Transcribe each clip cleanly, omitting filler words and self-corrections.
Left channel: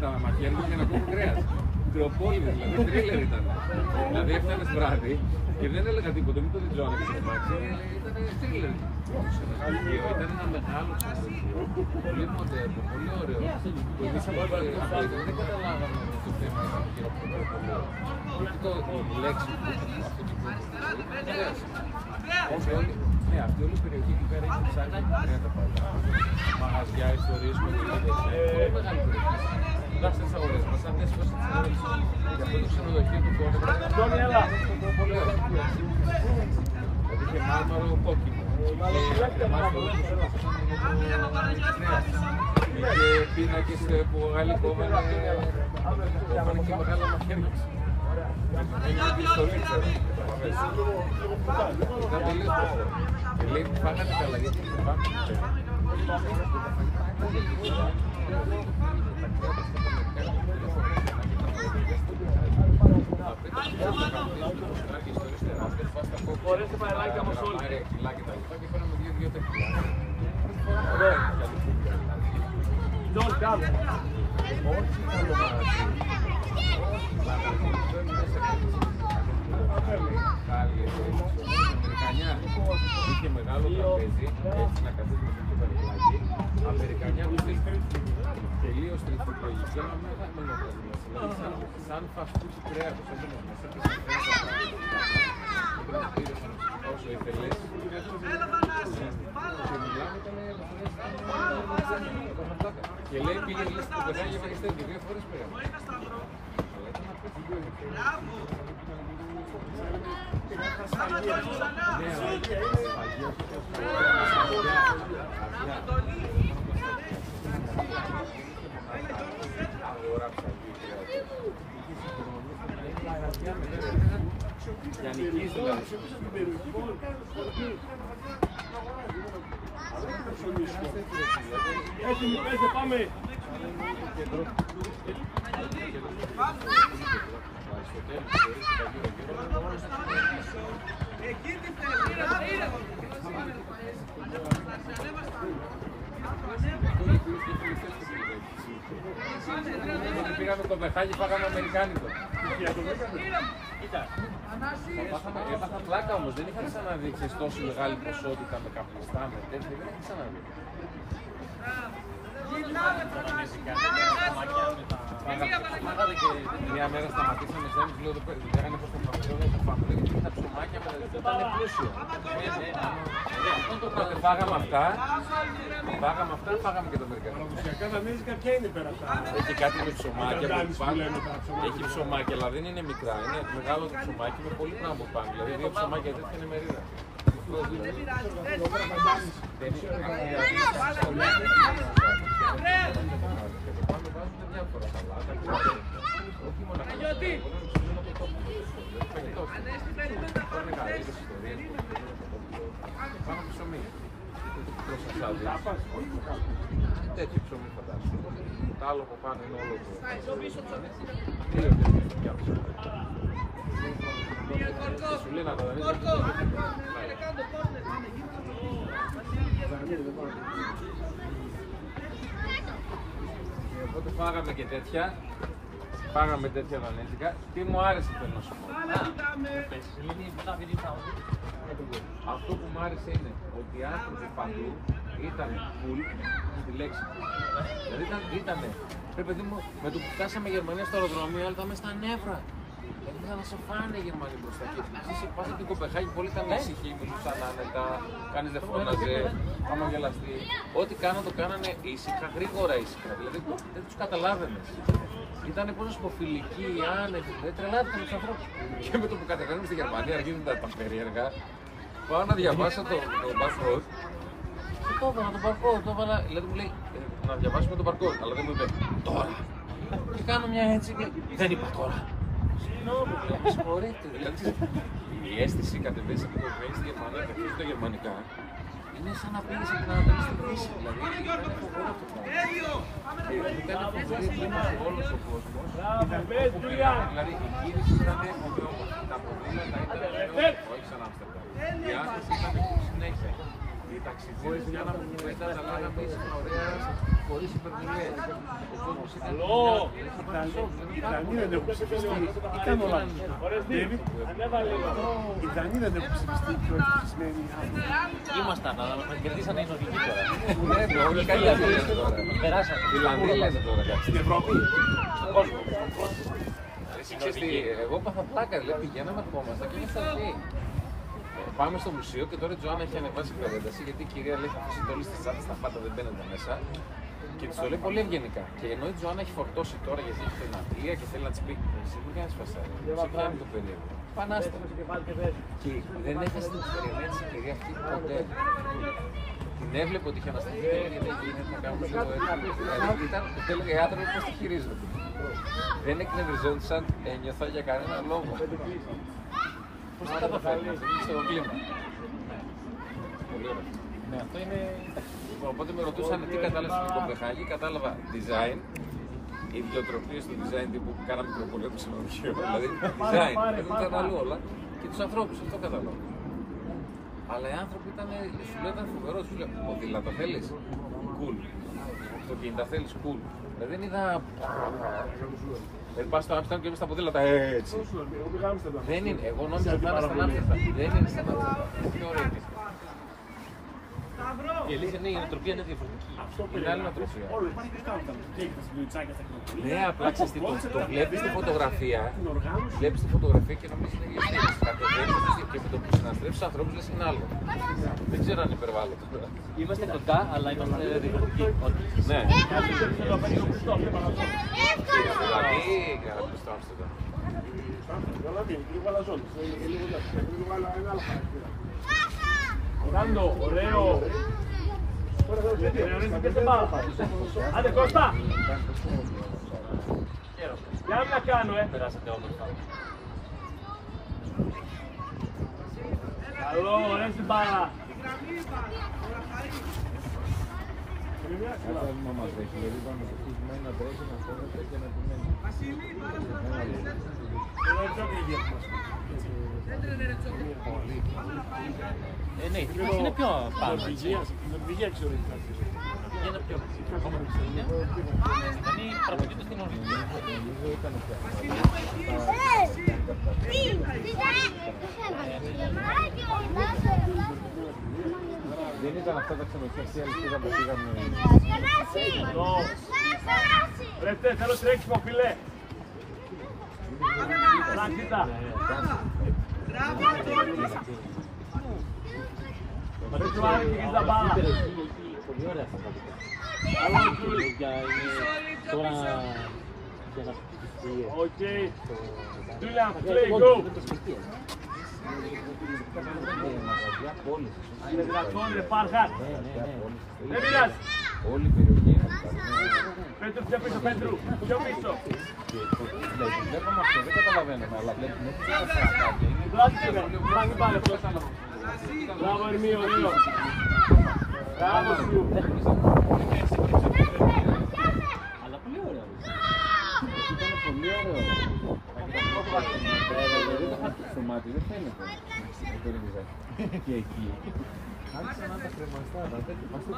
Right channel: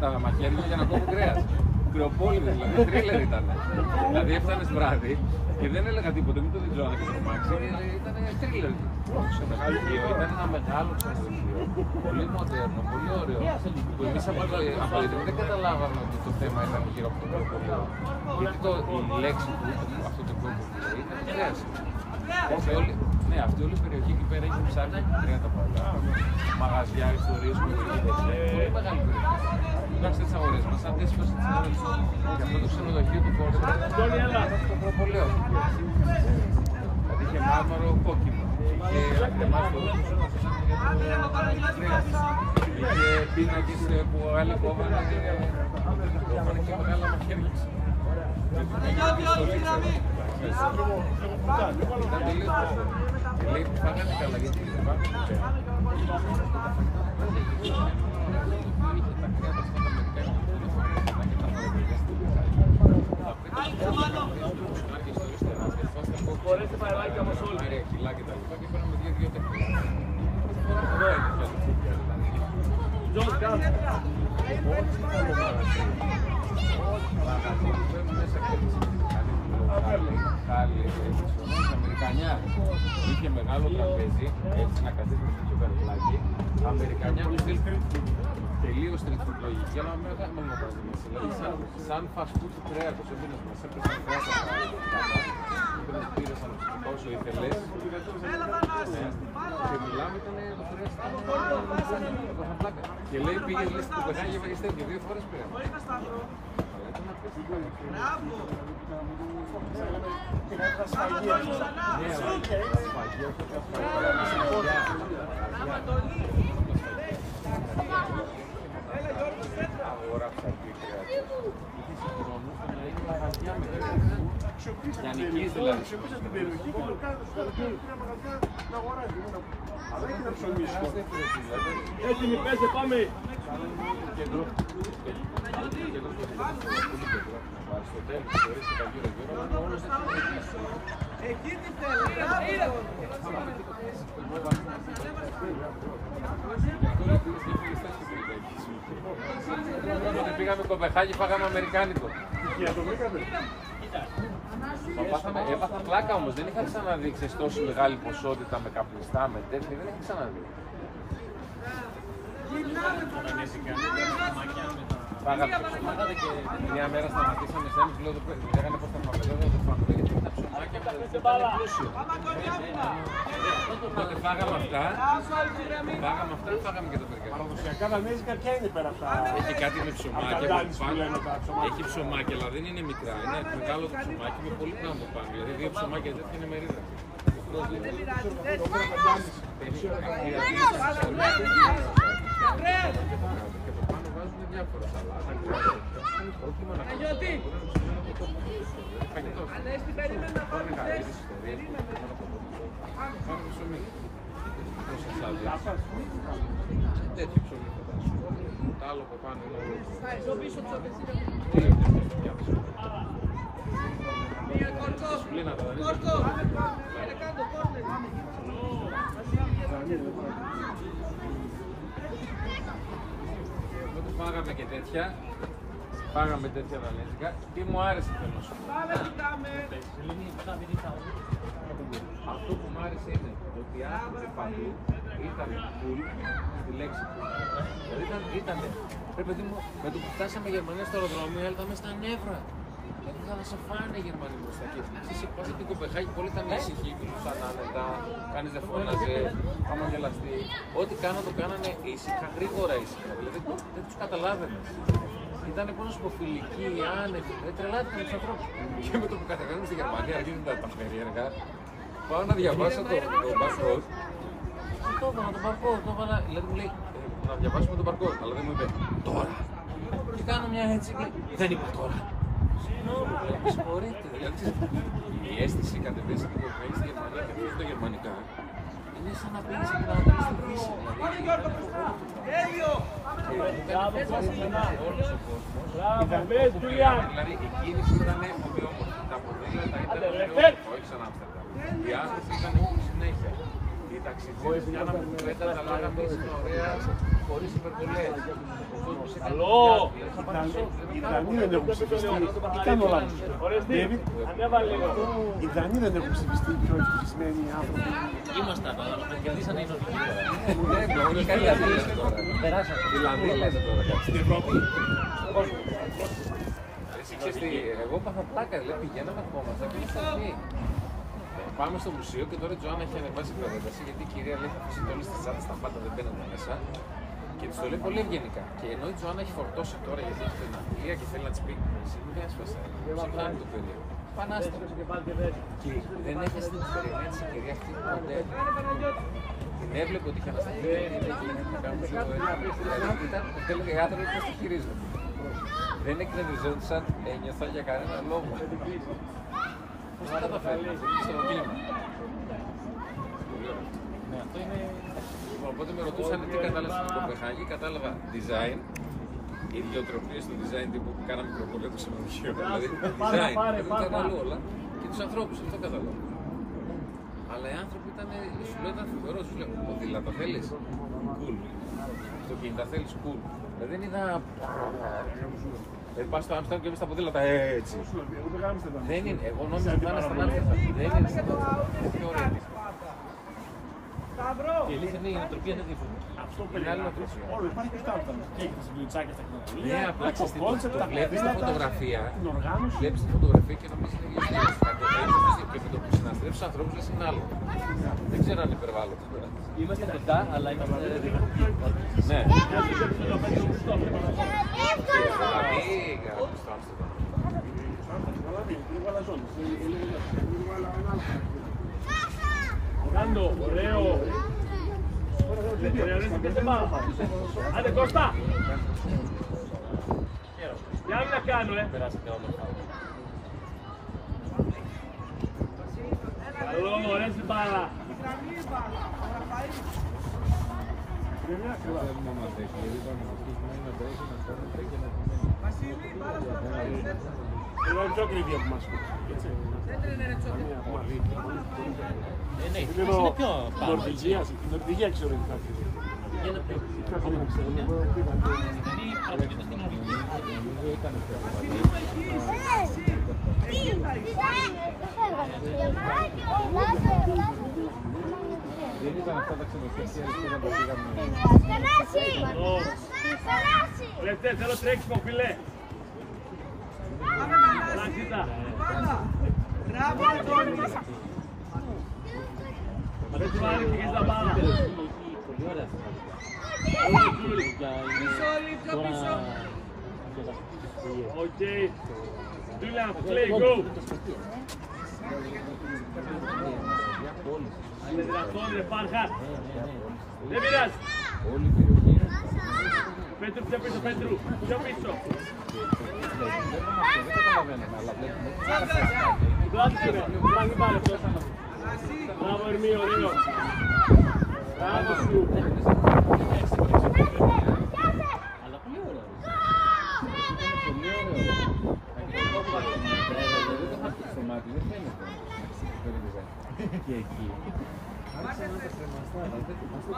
τα μαχαίρια για να κόβω κρέας. Κρεοπόλυδες, δηλαδή τρίλερ ήταν. Δηλαδή έφτανες βράδυ και δεν έλεγα τίποτα, μην το διτζώνα και το μάξι, ήταν τρίλερ. Το ξενοδοχείο ήταν ένα μεγάλο ξενοδοχείο, πολύ μοντέρνο, πολύ ωραίο. Εμείς από εδώ δεν καταλάβαμε ότι το θέμα ήταν γύρω από το κρεοπόλυδο. Γιατί η λέξη που αυτό το κρεοπόλυδο ήταν λέξη. Ναι, αυτή όλη η περιοχή εκεί πέρα έχει ψάρια και κρέατα πολλά. Μαγαζιά, ιστορίες, κομμωδίες. Πολύ μεγάλη περιοχή. Κοιτάξτε τις αγορές μας, αν τέσσερις φορές τις αγορές μας. Και αυτό το ξενοδοχείο του Πόρσε ήταν στο προπολέο. Δηλαδή είχε μάρμαρο κόκκινο, είχε κρεμάστρο που σώπασαν για το κρέας. Είχε πίνακες που άλλοι κόβανε και μεγάλα μαχαίρια. Με τη στολή, ξέρω. Ήταν τελείως προχωρό. Και λέει που φάγανε καλά, γιατί δεν πάμε ποτέ. Και τα φαγητά που φάγανε είχε τα κρέατα αυτά τα αμερικάνικα που δεν έφαγαν και τα φαγητά στην Βρετανία. Τα πέτα τα φάγανε τα καπνίζουν, τα μουστράκια, ιστορίες τεράστιες, φάς τα κόκκια, τα γραμμάρια, κιλά και τα λοιπά και φέραμε 2-2 τεχνικά. Ωραία είναι τα λουκούπια δηλαδή. Όχι καλό μαγαζί, όχι μαγαζί που μπαίνουν μέσα και έτσι χάλια και ρεξιονές, Αμερικανιά. Είχε μεγάλο τραπέζι, έτσι να καθίσουμε στο κεφαλάκι. Αμερικανιά του στυλ τελείως street λογική, αλλά μεγάλο μαγαζί. Σαν fast food του κρέατος, έμπαινες μέσα και σαν κρέατα τα πήρες όσο ήθελες. Και μιλάμε, ήταν το κρέας, ήταν τα πλάκα. Και λέει πήγες λες στην Κοπεχάγη και βαγιστές και 2 φορές πήγαμε. Αλλά ήταν απέστημα. Τα σφαγεία. Ναι, αλλά τα σφαγεία, όχι τα σφαγεία, τα μαγαζιά. Αγορά ψαριού κρέατος. Είχε συγχρόνως το να είναι μαγαζιά με κρέας. Για νικείς δηλαδή. Έτοιμοι, πέστε, πάμε! Όταν πήγαμε Κοπεχάγη φάγαμε αμερικάνικο. Έπαθα πλάκα όμως, δεν είχα ξαναδεί τόση μεγάλη ποσότητα με καπνιστά, με τέτοια, δεν είχα ξαναδεί. Φάγαμε ψωμάκια και μια μέρα σταματήσαμε σε ένας, λέω, λέγανε πώς θα φάμε, δεν θα φάμε, γιατί τα ψωμάκια ήταν πλούσιο. Τότε φάγαμε αυτά, φάγαμε και το αμερικανικό. Παραδοσιακά δανέζικα ποια είναι πέρα αυτά? Έχει κάτι με ψωμάκια από πάνω, έχει ψωμάκια, αλλά δεν είναι μικρά, είναι μεγάλο το ψωμάκι με πολύ πράγμα από πάνω, δηλαδή 2 ψωμάκια τέτοια είναι μερίδα. Και από πάνω βάζουν διάφορα σαλάτα, κρέατα, όχι μόνο αυτά, μπορεί να ψημένο από το τόπιλο, δηλαδή φαγητό. Πάνε γαρίδες, ιστορίες, κοκκινόμενο από το τόπιλο, πάνω από ψωμί. Τέτοιο ψωμί φαντάζομαι. Το άλλο από πάνω είναι όλο το σουλίνα τα δανείζια που οπότε φάγαμε και τέτοια. Φάγαμε τέτοια δανέζικα. Τι μου άρεσε θέλω να σου πω. Αυτό που μου άρεσε είναι ότι οι άνθρωποι παντού ήταν cool με τη λέξη. Δηλαδή ήταν, ρε παιδί μου, με το που φτάσαμε Γερμανία στο αεροδρόμιο, αλλά ήταν μέσα στα νεύρα. Δηλαδή θα να σε φάνε οι Γερμανοί μπροστά και εσύ πας από την Κοπεχάγη, πολύ ήταν ήσυχοι, μιλούσαν άνετα, κανείς δεν φώναζε, άμα γελαστεί. Ό,τι κάνανε το κάνανε ήσυχα, γρήγορα ήσυχα, δηλαδή δεν τους καταλάβαινες. Ήταν πολύ σποφιλικοί, άνετοι, τρελάθηκαν τους ανθρώπους. Και με το που κατεβαίνουμε στη Γερμανία, αρχίζουν τα περίεργα. Πάω να διαβάσω το barcode. Το έβαλα το barcode, το έβαλα, δηλαδή μου λέει να διαβάσουμε το barcode, αλλά δεν μου είπε τώρα. Και κάνω μια έτσι, δεν είπα τώρα. Συγγνώμη, με συγχωρείτε. Δηλαδή η αίσθηση κατεβαίνει από το βγαίνει στη Γερμανία και ακούσει τα γερμανικά. Είναι σαν να πήγες από την Ανατολή στη Δύση. Δηλαδή όλος ο κόσμος όπου πήγαμε, δηλαδή η κίνηση ήταν ομοιόμορφη. Τα ποδήλατα ήταν ομοιόμορφα, όχι σαν Άμστερνταμ. Οι άνθρωποι ήταν συνέχεια. Οι ταξιτζίδες κάναμε κουβέντα, τα λέγαμε ήσυχα ωραία. χωρίς υπερβολές. Ο κόσμος έκανε δουλειά του. Θα πάρει σοκ, δεν είναι πάρα πολύ. Δεν έχουν ψηφιστεί. Τι κάνω να Ντέβιτ, οι Δανείοι δεν έχουν ψηφιστεί πιο ευτυχισμένοι άνθρωποι. Ήμασταν, αλλά μας κερδίσανε οι Νορβηγοί τώρα. Όλοι καλοί άνθρωποι Περάσατε. Φιλανδοί λένε τώρα. Στην Ευρώπη. Εγώ πάθα πλάκα, δηλαδή πηγαίναμε ακόμα και ήμασταν λέει. Πάμε στο μουσείο και τώρα η Τζοάννα έχει ανεβάσει πρόταση γιατί η κυρία λέει θα αφήσει όλες τις τσάντες στα πάντα, δεν μπαίνετε μέσα. Και της το λέει πολύ ευγενικά. Και ενώ η Τζοάννα έχει φορτώσει τώρα γιατί έχει την Αγγλία και θέλει να της πει εσύ μην κάνεις φασάρι. Ξεφτάνει το παιδί. Πανάστατο. Και δεν έχασε την ευκαιρία της εταιρεία αυτή ποτέ. Την έβλεπε ότι είχε ανασταθεί και έγινε να κάνουν το τέλεγε οι άνθρωποι που τη χειρίζονται. Δεν εκνευριζόντουσαν, ένιωθα για κανένα λόγο. Πώς θα καταφέρει στο κλίμα. Οπότε με ρωτούσαν τι κατάλαβα στο Κοπεχάγη, κατάλαβα design, ιδιοτροπίες στο design τύπου που κάναμε προπολέτου σε μουσείο. Δηλαδή design, δεν ήταν άλλο όλα και τους ανθρώπους, αυτό κατάλαβα. Αλλά οι άνθρωποι ήταν, σου λέω ήταν φοβερός, σου λέω ποδήλατα θέλεις, cool. Αυτοκίνητα θέλεις, cool. Δεν είδα... Πας στο Άμστερνταμ και εμείς τα ποδήλατα έτσι. Δεν είναι, εγώ νόμιζα ότι πάνε στην Άμστερνταμ. Δεν είναι στην Άμστερνταμ. Είναι πιο ωραία. Η αλήθεια είναι η νοοτροπία είναι διαφορετική. Αυτό περιγράφει. Όλο υπάρχει και στάλτα. Έχει τα σαντουιτσάκια στα κοινωνία. Ναι, απλά ξέρεις τι βλέπεις τη φωτογραφία. Την οργάνωση. Βλέπεις τη φωτογραφία και νομίζεις ότι είναι και επί το που συναντρεύεις ανθρώπους λες είναι άλλο. Δεν ξέρω αν υπερβάλλω. Είμαστε κοντά, αλλά είμαστε διαφορετικοί. Ναι. Κάντο, ωραίο. Άντε Κώστα. Για να κάνω, Καλό, ωραία στην μπάλα. Είναι μια ακριβά. Θέλουμε να μας δείξει, δηλαδή είπαμε να στήσουμε να τρέχει, να φώνεται και να επιμένει. Εγώ δεν ξέρω τι είναι μας. Ναι, είναι πιο Νορβηγία ξέρω. είναι πιο ακόμα την Ισλανδία. Είναι πραγματικά στην Νορβηγία. Νομίζω ήταν πια δεν ήταν αυτά τα ξενοδοχεία αληθίδα που πήγαμε. Ρε, θέλω τρέξιμο φίλε. Λαχίτα. Δεν σου άρεσε και τα μπάλα. Πολύ ωραία. Καλό Τζούλ. Οκ. Τζούλια, play, go. Είναι δυνατόν, ρε Φάρχαν. Δεν πειράζει. Όλη η περιοχή είναι. Πέτρου, πιο πίσω, Πέτρου. Πιο πίσω. Βλέπουμε αυτό, δεν καταλαβαίνουμε, αλλά βλέπουμε. Βλάψτε ρε, μην πάρε αυτός. Μπράβο Ερμή, ωραίο. Μπράβο σου. Ήταν πολύ ωραίο. Στο μάτι δεν φαίνεται. Και εκεί. Άρχισα να τα κρεμαστώ, να τα κρεμαστώ.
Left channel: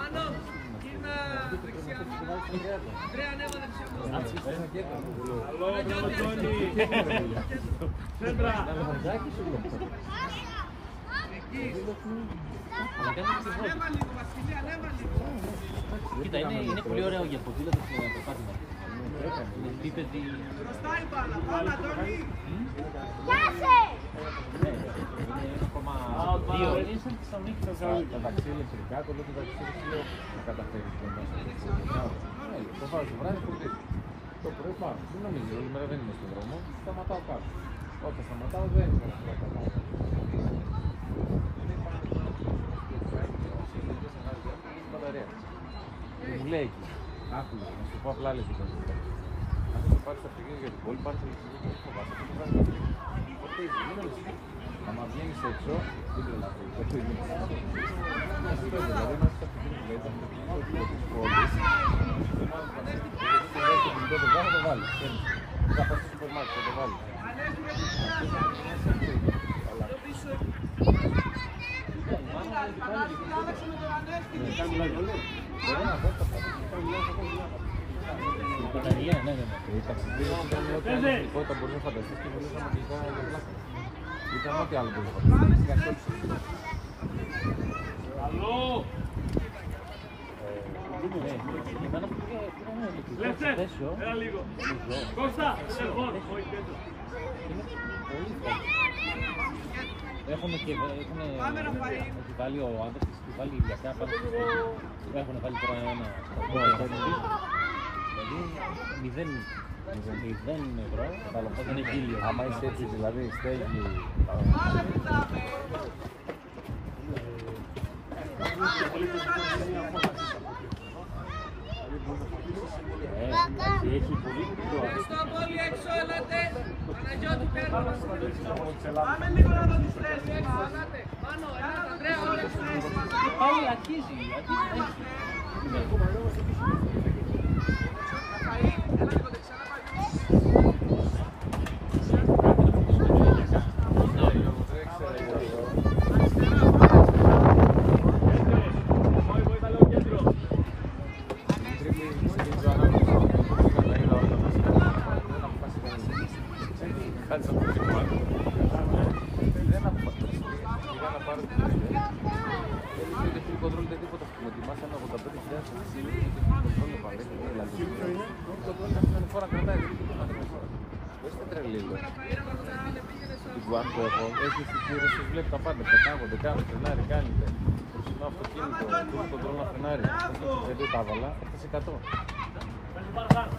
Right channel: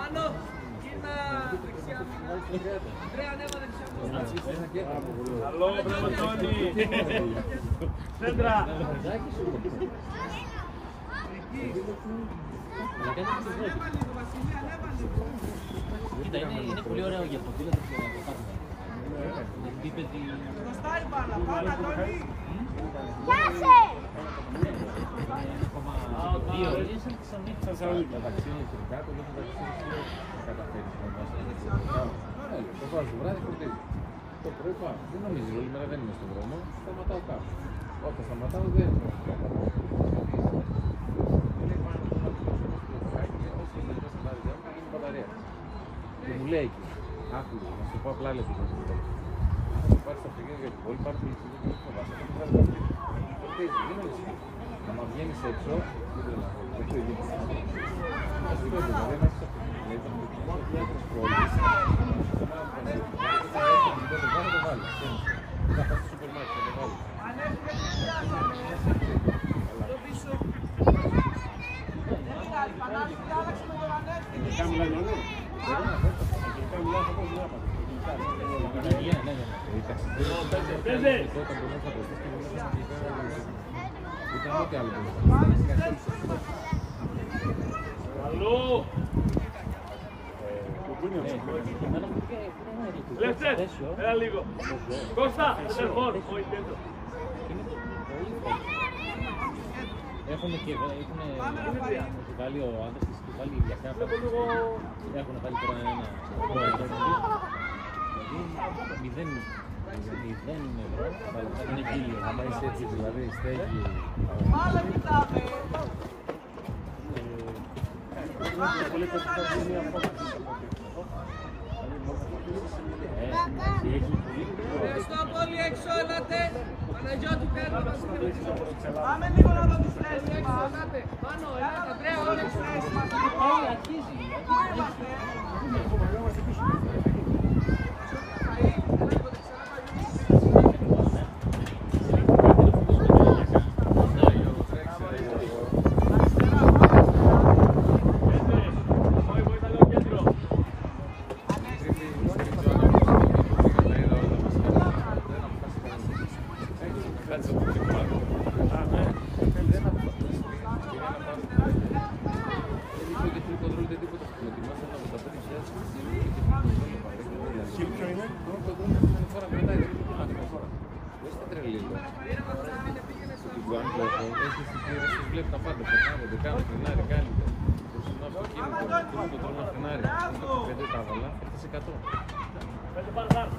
Καλό, μπράβο Τόνι. Σέντρα. Κοίτα, είναι πολύ ωραίο για ποδήλατο στο πάτημα. Είναι επίπεδη... Τα ταξί ηλεκτρικά, το λέω το ταξί ηλεκτρικό να καταφέρεις το βάζω το βράδυ, φορτίζει. Το πρωί πάω. Δεν νομίζεις, όλη μέρα δεν είμαι στον δρόμο, σταματάω κάπου. Όταν σταματάω δεν είναι αυτό το πράγμα. Είναι πάνω από ένα τηλέφωνο στο πλωτικάκι και όσο τελειώσει την άδειά μου, γίνει μπαταρία. Και μου λέει εκεί, άκουγε, να σου πω απλά λες τι γίνεται τέλος. Αν θα το πάρεις τα αυτοκίνητα για την πόλη, πάρε το ηλεκτρικό και δεν φοβάσαι, αυτό το βράδυ θα φύγει. Φορτίζει, μην ανησυχείς. Άμα βγαίνεις έξω, δεν τρελαθείς, δεν το ίδιο. Αυτό είναι, δηλαδή, άμα έχεις αυτοκίνητο, δηλαδή, το αυτοκίνητο της πόλης, δεν μάλλον φανσίσεις. Δηλαδή, το κινητό το βγάλω, το βάλεις. Δεν θα πας στο σούπερ μάρκετ, θα το βάλεις. Τελικά μιλάνε όλοι. Οι ταξιδίες ήταν ό,τι άλλη ειδικότητα μπορεί να φανταστείς και μιλούσαμε αγγλικά. Ήταν ό,τι άλλο μπορεί να φανταστείς. Καλό! Λεφτέ, ένα λίγο. Κώστα, τηλεφών, όχι τέτοιο. Έχουν βάλει ο άντρας της και βάλει η γλυκιά. Έχουν βάλει τώρα ένα. Δηλαδή 0 ευρώ. Είναι γύλιο. Άμα είσαι έτσι δηλαδή, στέγη. Έχει Όλοι έξω, έλατε! Παναγιώτη, παίρνω! πάλι αρχίζει. Έχει εισιτήρια, σας βλέπει τα πάντα, πετάγονται, κάνουν, φρενάρι, κάνετε. Προσινό αυτοκίνητο, το τρώνε να φρενάρει. Αυτό το παιδί τα έβαλα, έφτασε 100.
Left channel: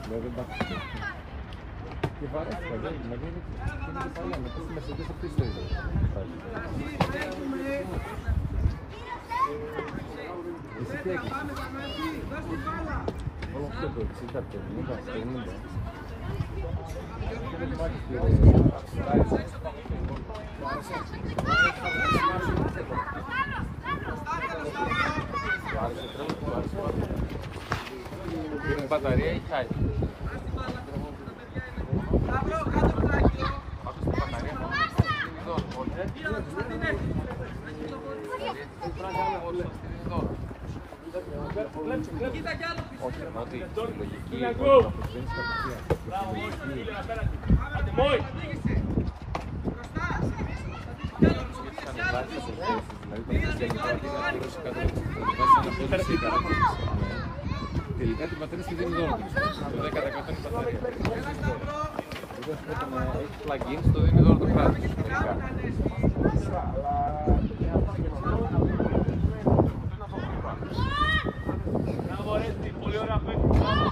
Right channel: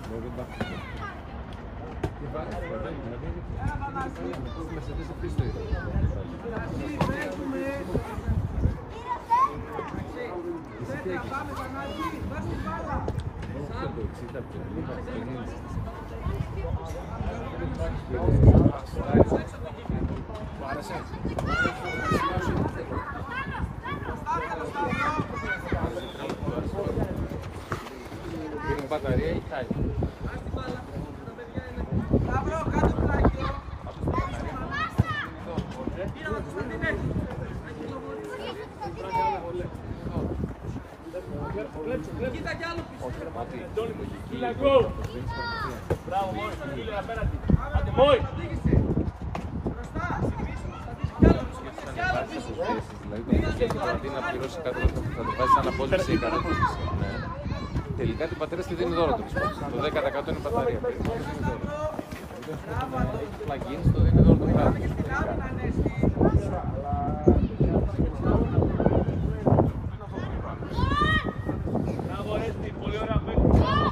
Δηλαδή δεν υπάρχει. Και βαρέσει το παιδί, δηλαδή είναι παλιά, με τους Mercedes επίσης το ίδιο. Εσύ τι έχεις? Όλο αυτό το 60, το 90, το 90. Είναι μπαταρία ή χάρη? Μπράβο, Μόη, φίλε απέναντι. Άντε, Μόη. Γιατί θα ανεβάσεις αποθέσεις, δηλαδή το αυτοκίνητο αντί να πληρώσει 100 θα το βάζεις σαν απόδειξη 100. Τελικά την πατέρα στη δίνει δώρο του το 10% είναι η μπαταρία. Όταν έχεις plug-in, το δίνει δώρο το κράτος. Μπράβο, Ρέστη, πολύ ωραία παίκτη, μπράβο.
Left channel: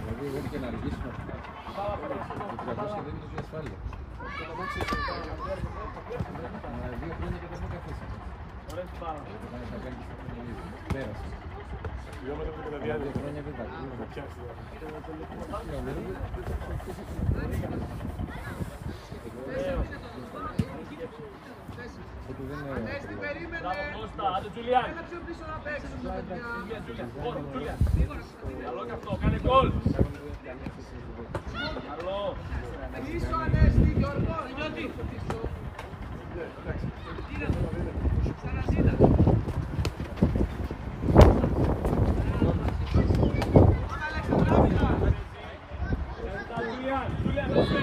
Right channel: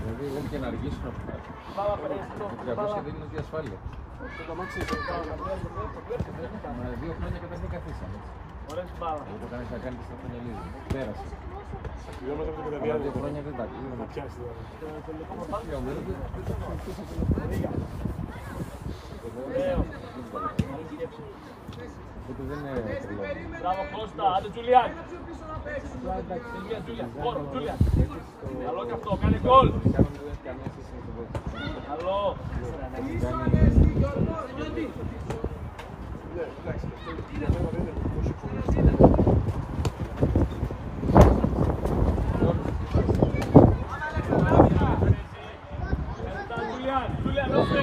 Δηλαδή εγώ και να αργήσω να το 300 δεν είναι ότι ασφάλεια. Μα 2 χρόνια καταρχήν μου καθίσαμε. Εγώ κανείς να κάνει και στο τελείο. Πέρασε. Αλλά 2 χρόνια δεν τα ακούγαμε. Γιατί δεν είναι Κώστα, άντε Τζουλιάν. Τζουλιάν. Καλό και αυτό, κάνει γκολ. Καλό. Julian, no sé.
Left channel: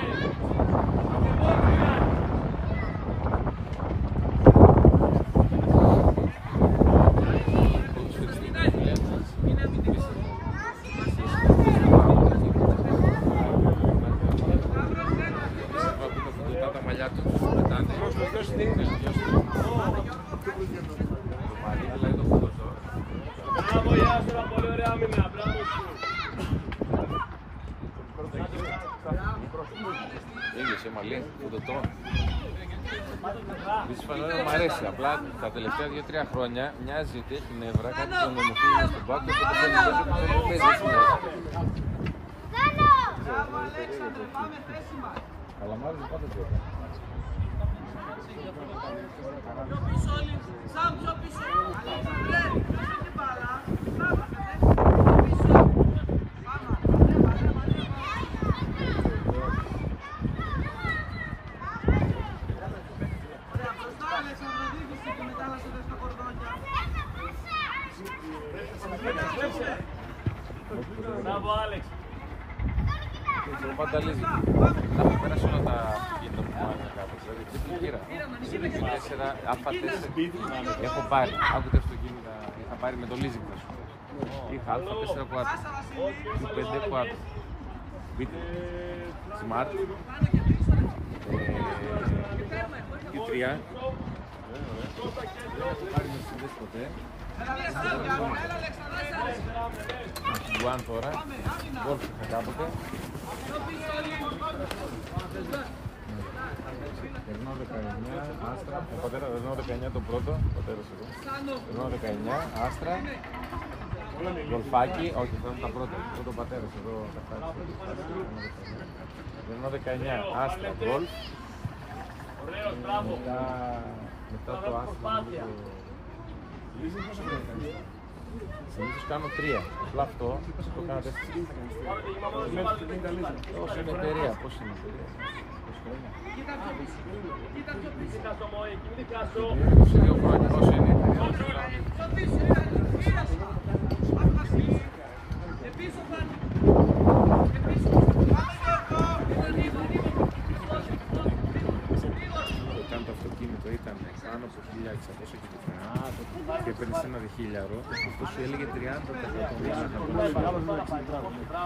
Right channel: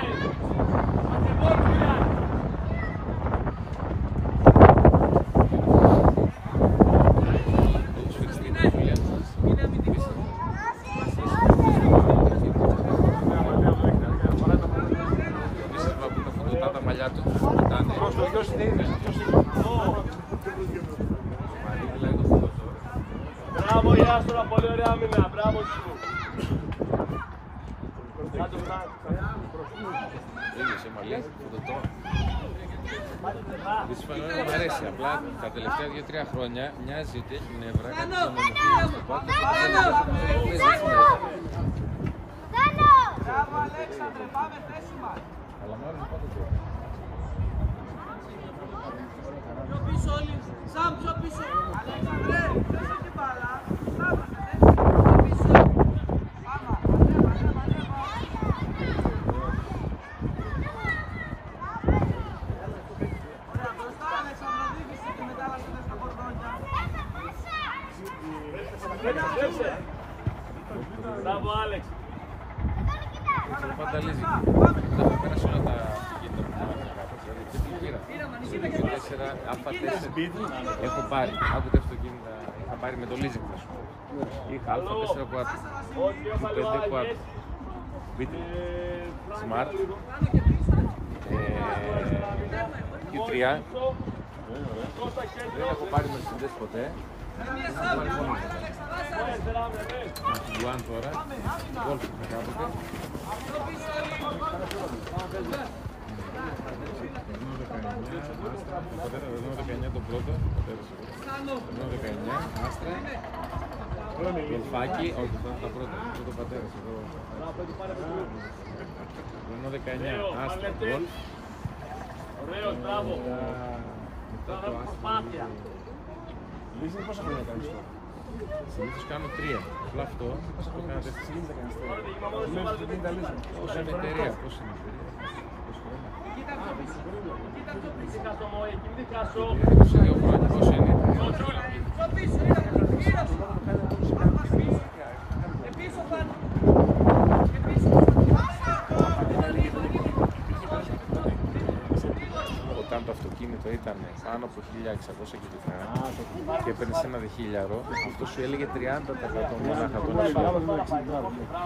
Τα μαλλιά του. Μπράβο Ιάστονα, πολύ ωραία άμυνα, μπράβο σου. Ίδιος μαλλί, δεν το τρώω. Δυσφαλώς μου αρέσει, απλά τα τελευταία 2-3 χρόνια μοιάζει ότι έχει νεύρα, κάτι να με μοχλούν στο πάτο και το θέλει να αλλά μου άρεσε πάντα τώρα. Μπράβο Άλεξ. Ξέρω πάντα λύζει. Θα περάσω να τα γίνω που μάθα κάτω. Δηλαδή δεν κύρα. 4, α4 έχω πάρει. Άκουτε αυτό είχα πάρει με το leasing θα σου πω. Είχα α4 quad, Q5 quad, Beat, Smart, Q3. Δεν έχω πάρει Mercedes ποτέ. One τώρα, Golf είχα κάποτε. Renault 19, Astra, πατέρα Renault 19 τον πρώτο, πατέρας εδώ. Renault 19, Astra, Golfάκι, όχι τώρα τα πρώτα, πρώτο πατέρας εδώ. Renault 19, Astra, Golf. Ωραίος, μπράβο. Μετά το Astra, Λύση πόσα χρόνια κάνεις τώρα? συνήθως κάνω 3, απλά αυτό το κάνω 4. Μέχρι την τα λύση. Πώς είναι η εταιρεία, πώς είναι η εταιρεία. Μην ξεχάσω Μόη, μην ξεχάσω. Σε 2 χρόνια, πώς είναι η εταιρεία. Όταν το αυτοκίνητο ήταν πάνω από 1.600 κυβικά και έπαιρνες ένα δεχίλιαρο, αυτό σου έλεγε 30% μονάχα των εσόδων.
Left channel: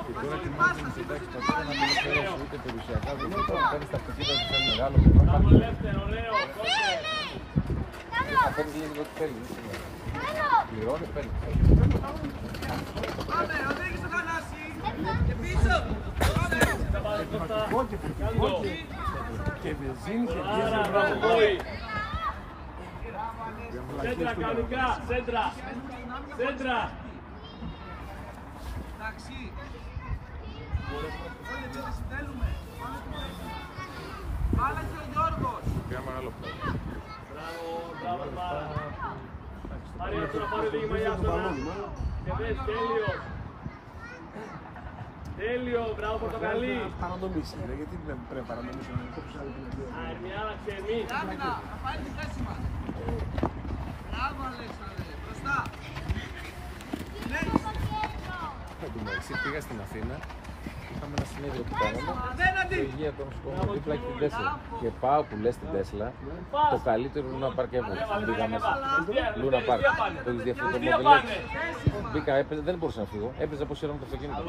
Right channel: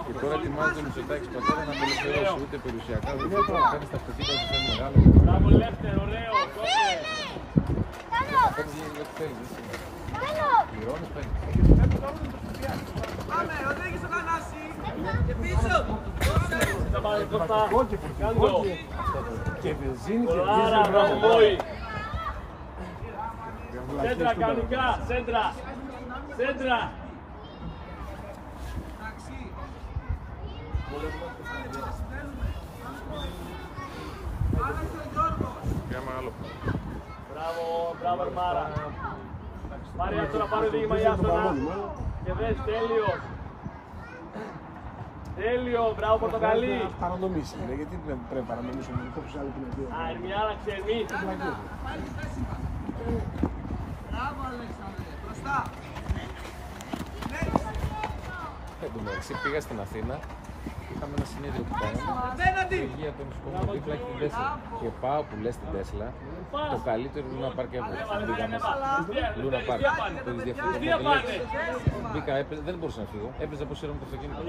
Και τώρα ετοιμάζεται ο Μητσοτάκης πατέρα να απελευθερώσει ούτε περιουσιακά ούτε τίποτα. Παίρνεις τα αυτοκίνητα που θέλει μεγάλο. Μπράβο Λεύτερο, ωραίο, κόσε. Δεν θα παίρνεις λίγο ό,τι θέλεις. Πληρώνεις, παίρνεις. Θα πάμε Κώστα. Κάντο. Και βενζίνη και Άρα, μπράβο Μόη. Σέντρα κανονικά, σέντρα. Σέντρα. Πια μεγάλο πρόβλημα. Μπράβο, μπράβο Αρμάρα. Μάρια τώρα πάρε δίγημα Ιάστονα. Και δες, τέλειος. Τέλειο, μπράβο Πορτοκαλί. παραμονής είναι, γιατί δεν πρέπει να παραμονήσουμε όπως άλλο πινακίδα. Αρμιάρα ξενή. Μπράβο Αλέξανδρε, μπροστά. Εντάξει, πήγα στην Αθήνα, είχαμε ένα συνέδριο που κάναμε, η υγεία των σκοπών δίπλα και την Τέσλα. Και πάω που λες την Τέσλα, το καλύτερο Luna Park ever. Μπήκα μέσα. Luna Park, το έχεις δει αυτό το μοντελέξι. Μπήκα, δεν μπορούσα να φύγω, έπαιζα πως με το αυτοκίνητο.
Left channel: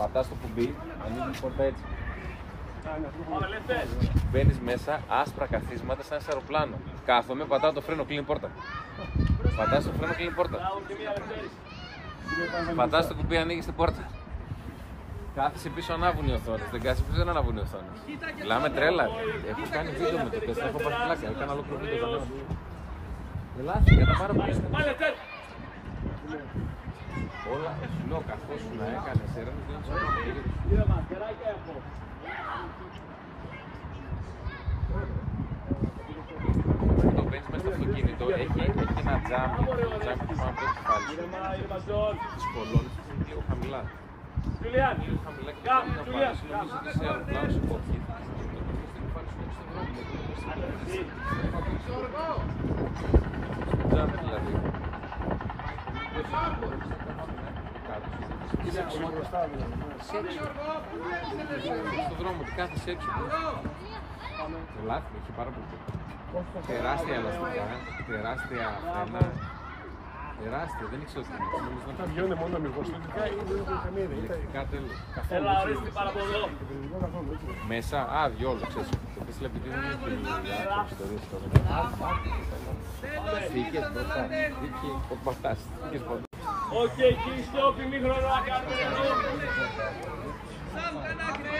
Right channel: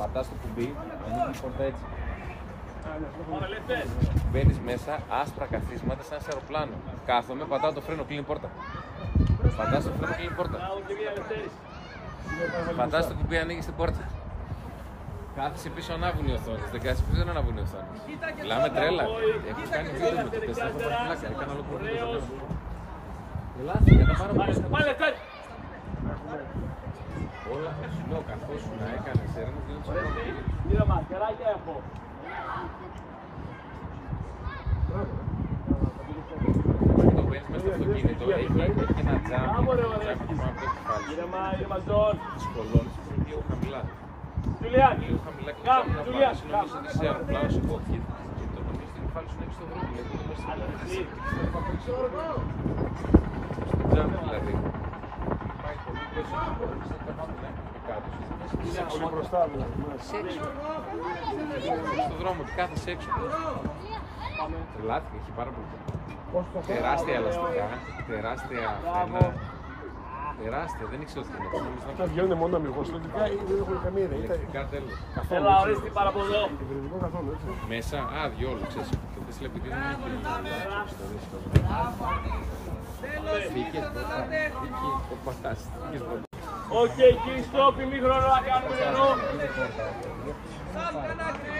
Πατάς το κουμπί, ανοίγει η πόρτα έτσι. Μπαίνεις μέσα, άσπρα καθίσματα σαν σε αεροπλάνο. Κάθομαι, πατάω το φρένο, κλείνει πόρτα. Πατάς το φρένο, κλείνει πόρτα. Πατάς το κουμπί, ανοίγεις την πόρτα. Κάθεσαι πίσω, ανάβουν οι οθόνες. Δεν κάθεσαι πίσω, δεν ανάβουν οι οθόνες. Μιλάμε τρέλα. Έχω κάνει βίντεο με το τεστ, έχω πάρει πλάκα. Έκανα ολόκληρο βίντεο. Ελάτε, για τα πάρα πολύ. Όλα, λέω καθώς να έκανες έρευνες, δεν Γύρω μας, τεράκια έχω. το μπαίνεις μέσα στο αυτοκίνητο, έχει τζάμπι που πάνω από το κεφάλι της κολόνης είναι λίγο χαμηλά. Λίγο χαμηλά και το τζάμπι να πάρεις, νομίζω ότι σε αεροπλάνο σε κόκκιτ και το νομίζω το κεφάλι σου να έχεις στον δρόμο, γιατί δεν μέσα στο τζάμπι δηλαδή. Πάει πολύ πίσω στην κολόνη, είναι κάπου στην άκρη και κάτω. Σε έξω. Στον δρόμο, ότι κάθεσαι έξω. Τρελάθηκε, έχει πάρα πολύ καιρό. Τεράστια ελαστικά, τεράστια φρένα. Τεράστια, δεν ήξερα ότι είναι. Τα βγαίνουν μόνο αμυγός. Ηλεκτρικά τέλος. Έλα, ορίστε πάρα από εδώ. Μέσα, διόλου, ξέρεις. Το πες επειδή δεν έχει ιστορίες εδώ. Φύγες μπροστά, φύγες, πορπατάς. Οκ, κύριε Στόπ, ημίχρονο να κάνουμε εδώ.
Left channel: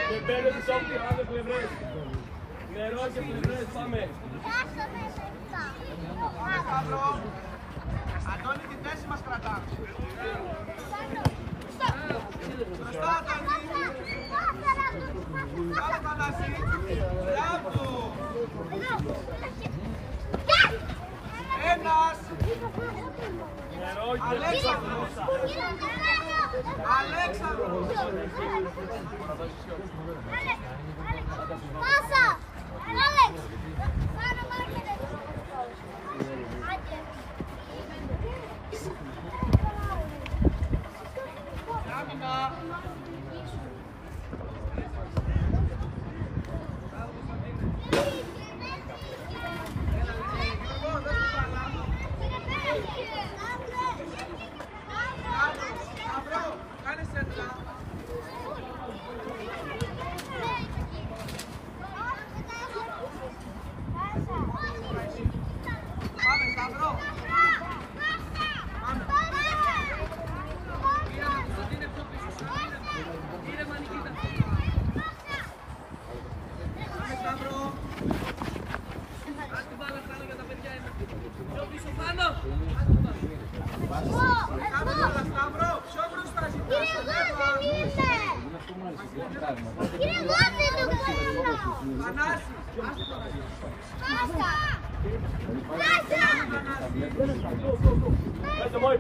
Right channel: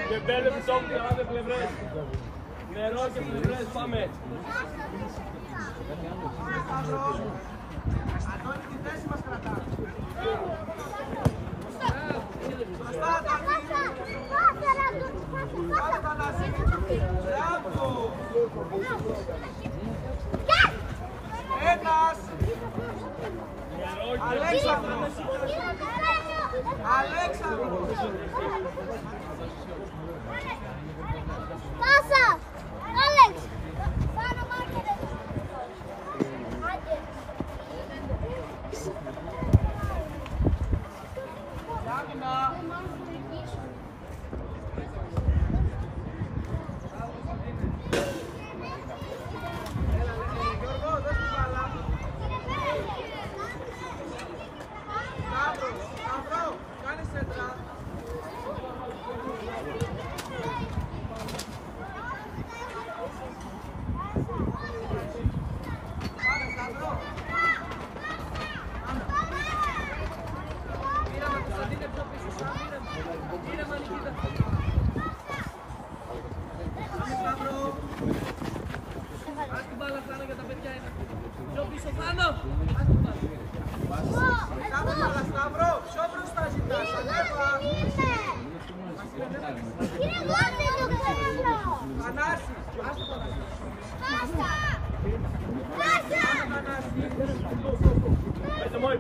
Και 5 πίσω από τις πλευρές. Νερό και πλευρές, πάμε. Αντώνη, τη θέση μας κρατάμε. Πάμε τα μαζί. Μπράβο. Ένας. Νερό και πλευρές. Πάσα! Άλεξ!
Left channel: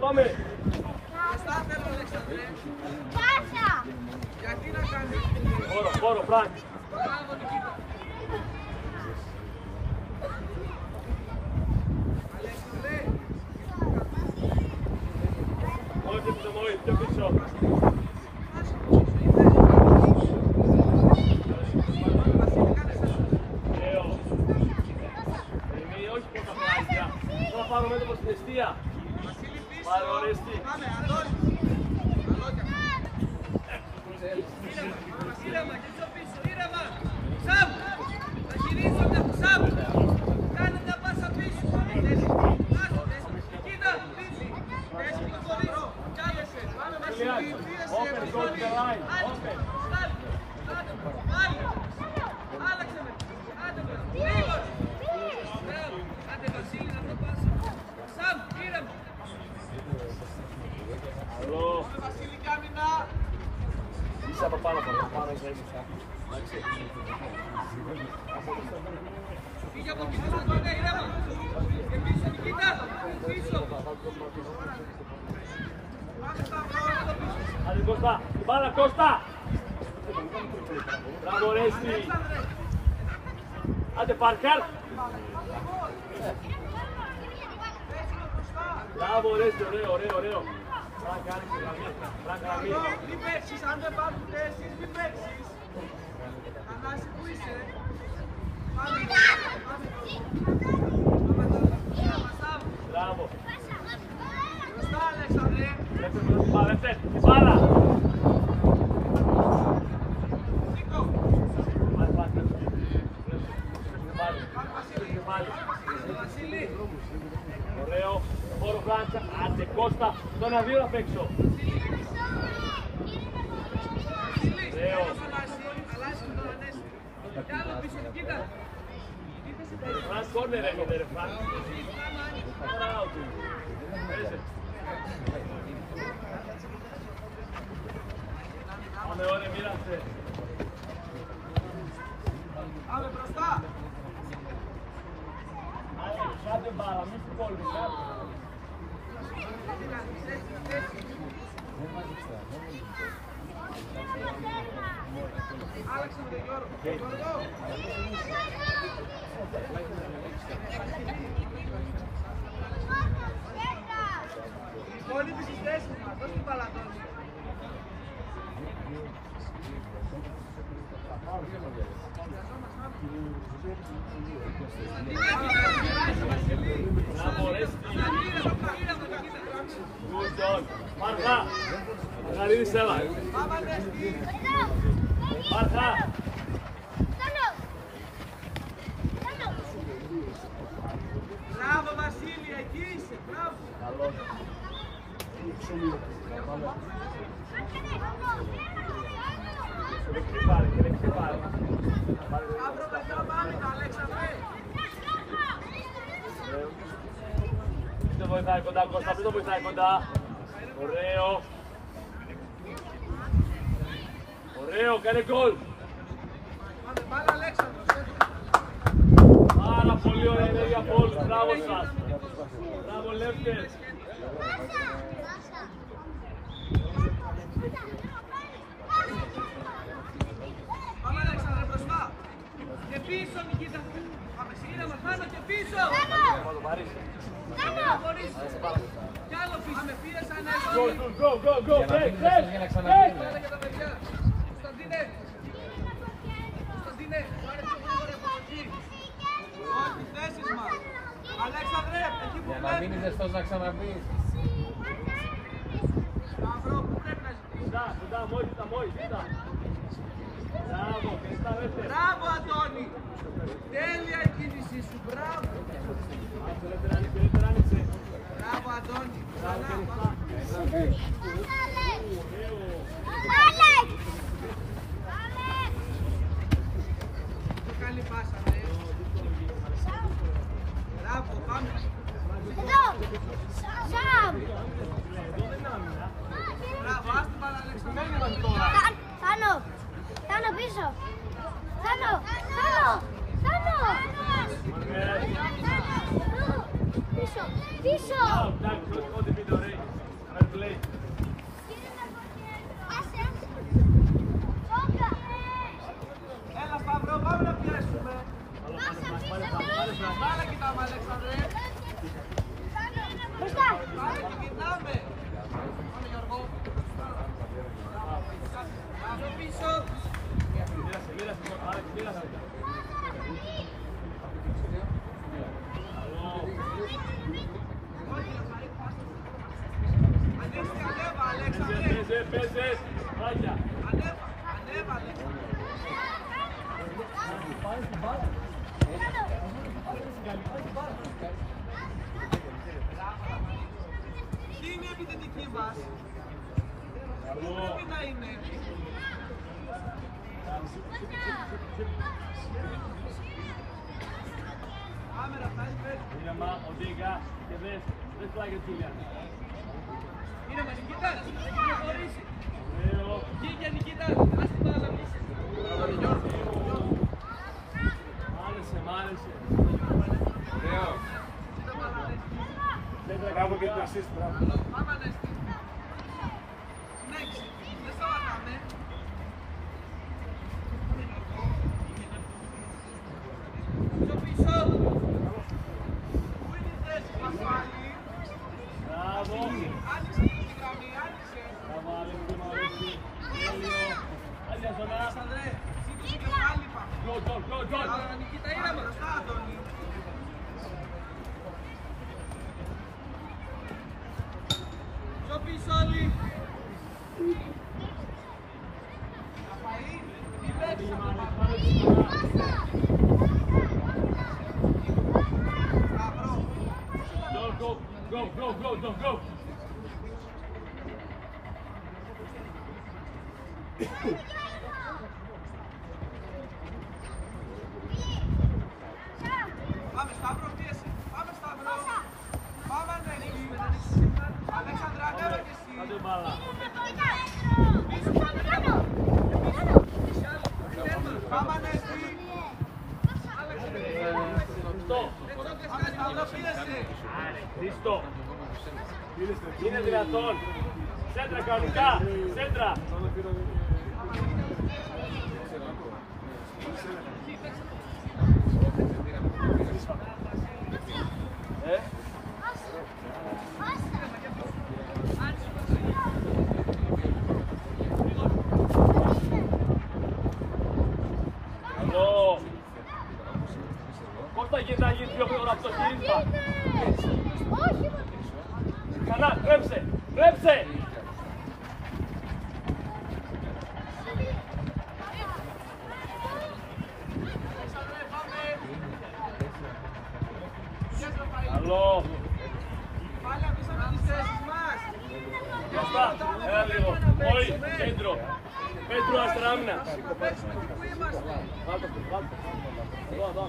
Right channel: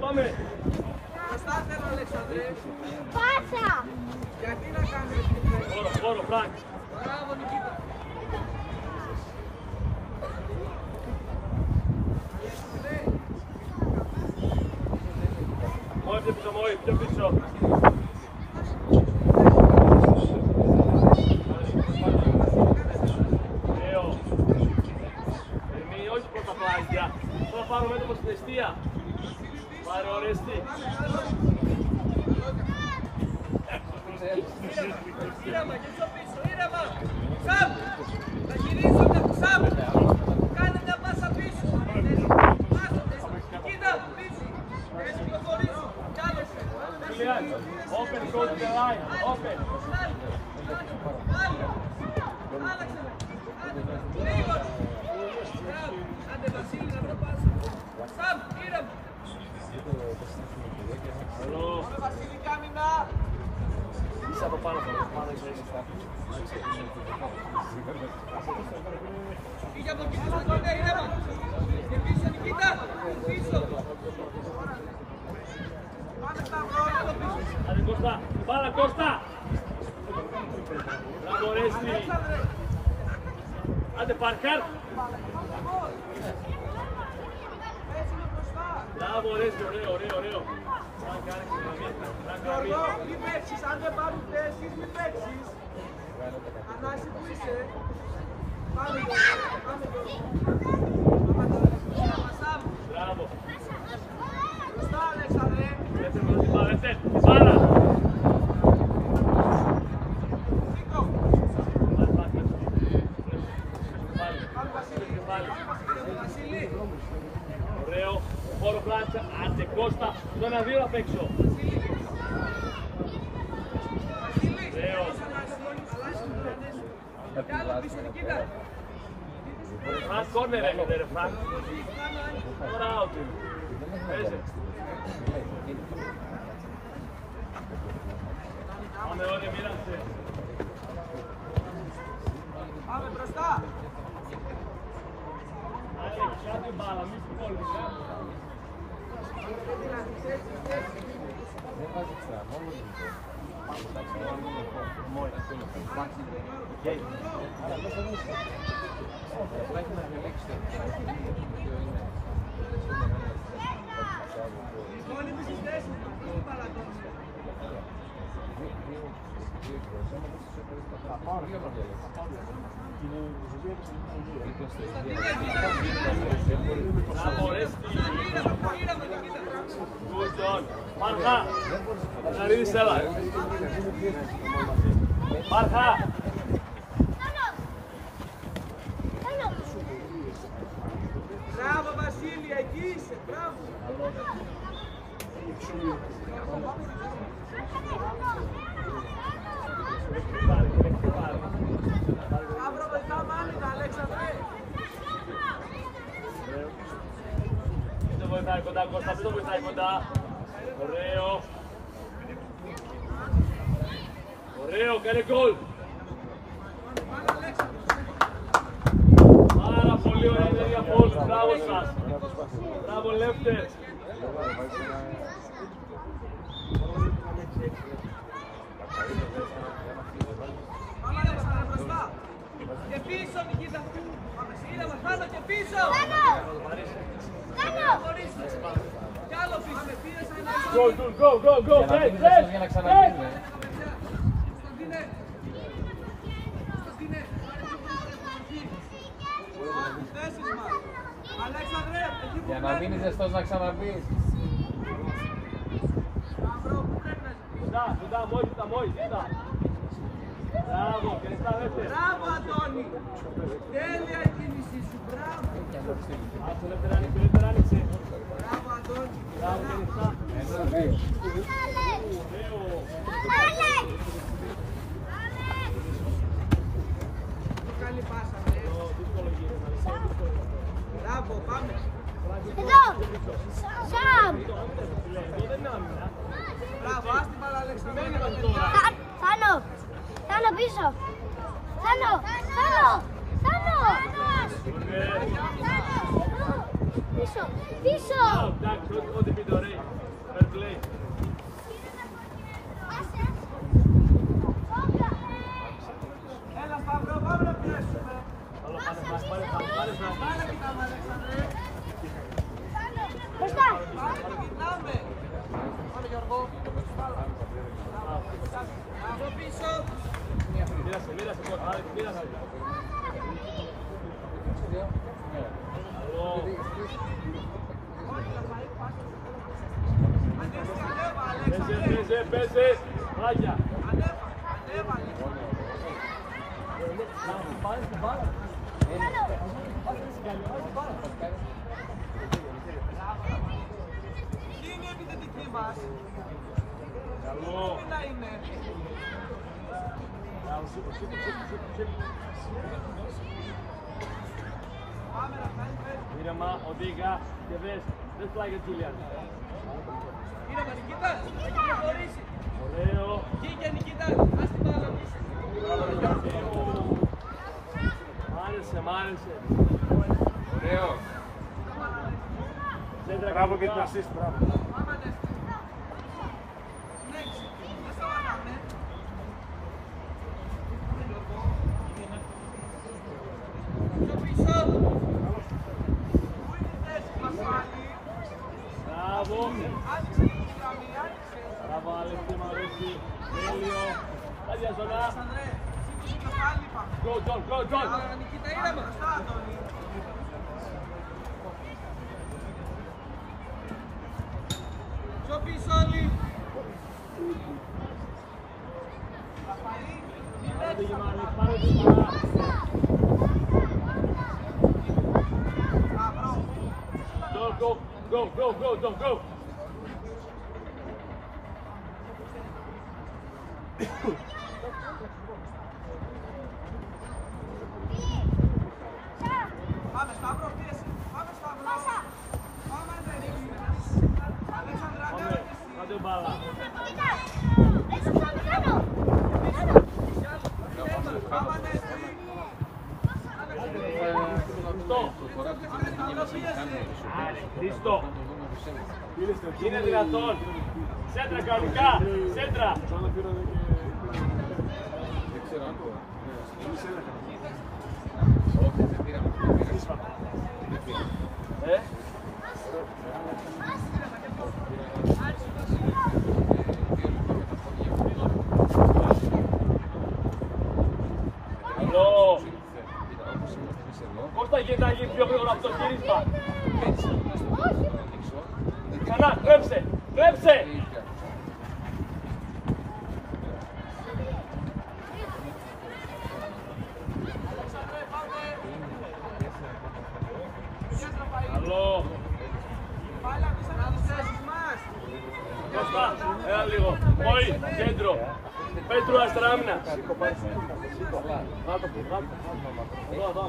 Πάμε! Πάσα! Πόρο, Φρανκ! Μόη, πιο πίσω! Ωραίο! Ερμή, όχι πρώτα πλάγια! Θα πάρω μέτωπο στην αιστεία! Πάρε ορίστη! Ήρεμα, και πιο πίσω, ήρεμα! Σαμ! Θα γυρίζονται, Σαμ! Κάνε μια πάσα πίσω! Κοίτα, πίσω! Πες πιο πολύ! Κάλεσε! Julian, open, go to the line, open! Άλλαξε με! Άντε με! Γρήγορα! Μπράβο! Άντε Βασίλη, να βρω πάσα! Σαμ, ήρεμα! Βασίλη, κάμινα! Είσαι από πάνω από Πήγε από το πίσω μας, ναι, ήρεμα! Και πίσω, Νικήτα! Πίσω! Άντε Κώστα, μπάλα Κώστα! Μπράβο Ρέστη! Άντε Παρκάρ! Μπράβο Ρέστη, ωραίο! Φρανκ, άνοιξε γραμμή, Μη παίξεις, αν δεν πάρουν θέσεις, μη παίξεις. Ανάση που είσαι. μπράβο! Στα Αλέξανδρε. Δεύτερη με την μπάλα, την μπάλα! Ωραίο, χώρο Φρανκ, άντε Κώστα, το 1-2 απ' έξω. Ωραίο. Αλλάζει τον Ανέστη. Κάνε πίσω, Νικήτα. Φρανκ, κόρνερ έγινε ρε Φρανκ. Τώρα out είναι. Πάμε ωραία, μοίρασε. Πάμε μπροστά. Άντε, κάτω μπάλα, μη σου κόλλει, κάτω. Δεν βάζει ξέρα, μόνο λίγο. Όλοι τις θέσεις μας, όχι την παραδόνη. Good John. Μάρχα. Μαργαρίδης, έλα. Μάρχα. Μπράβο Βασίλη, εκεί είσαι, μπράβο. Αύριο μετά πάμε, Αλέξανδρε. Μην το βοηθάει κοντά, Κώστα, μην το βοηθάει κοντά. Ωραίο. Ωραίο, κάνε γκολ. Πάνε Αλέξανδρε. Πάρα πολύ ωραία ενέργεια από όλους. Μπράβο σας. Μπράβο λεύτες. Πάμε Αλέξανδρε μπροστά. Και πίσω Νικήτα. Πάμε σύνδεσμο, πάντα και πίσω. Χωρίς. Κι άλλο πίσω. Πάμε πίεσα Go, go, go, go. Hey, hey, Για να ξαναπίνει. Κωνσταντίνε. Κωνσταντίνε. Θέσεις μας. Αλέξανδρε, εκεί που Για να μείνει ζεστός να ξαναμπείς. κοντά, κοντά, μόλις, κοντά. Μπράβο, και στάβετε. Μπράβο Αντώνη. Τέλεια η κίνησή σου, μπράβο. Ελεύθερα άνοιξε. Μπράβο Αντώνη. Το κάνει πάσα. Μπράβο, πάμε. Εδώ δεν είναι άμυνα. Μπράβο, άστη μπάλα Αλέξανδρε. Μένει τώρα. Θάνο πίσω. Θάνο. Πίσω. Πίσω. Εντάξει, ό,τι πείτε ωραίοι. Fair play. Έλα Σταύρο, πάμε να πιέσουμε. Πάμε κοιτάμε Αλέξανδρε. Πάμε κοιτάμε. Πιο πίσω. Μοίρασε, Άλεξ, μοίρασε. Καλό. Ανέβα Αλέξανδρε. Παίζε. Μάγια. Ανέβα. Τι είναι η επιθετική μας. Καλό. Τι να είναι. Πάμε Ραφαήλ, πες. Ήρεμα, οδήγα και δεν πλάγει ο Τζούλιαν. Είναι με Νικήτα. Είναι χωρίς. Ωραίο. Βγήκε Νικήτα. Ας την άλλο. Μ' άρεσε. Ωραίο. Σέντρα κάπου και το assist. Πάμε Ανέστη. Next. Δεν σταματάμε. Και πίσω. Πού είναι η θέση Πασχάλη. Μπράβο. Άνοιξε τη γραμμή, άνοιξε. Μπράβο, Άλεξ, μ' αρέσει. Τέλειο. Άγια ζωνά. Αλέξανδρε, ζήτησε το κεφάλι πάμε. Γκολ. Νικήτα είναι μπροστά, Αντώνη. Πιο πίσω όλοι. Go. Πάμε Σταύρο, πίεση. Πάμε Σταύρο. Πάμε Ανέστη. Αλέξανδρε, ανέβαινε εσύ. Τέρμα, πάμε Ανέστη. Χρήστο. Είναι δυνατόν. Σέντρα κανονικά. Σέντρα. Εδώ. Πώς θα γίνει να γίνει πιο γρήγορα αυτό το γύρισμα. Ξανά, τρέψε, τρέψε. Καλό. Κώστα, έλα λίγο. Όχι, κέντρο. Πέτρου αριστερά άμυνα. Εδώ.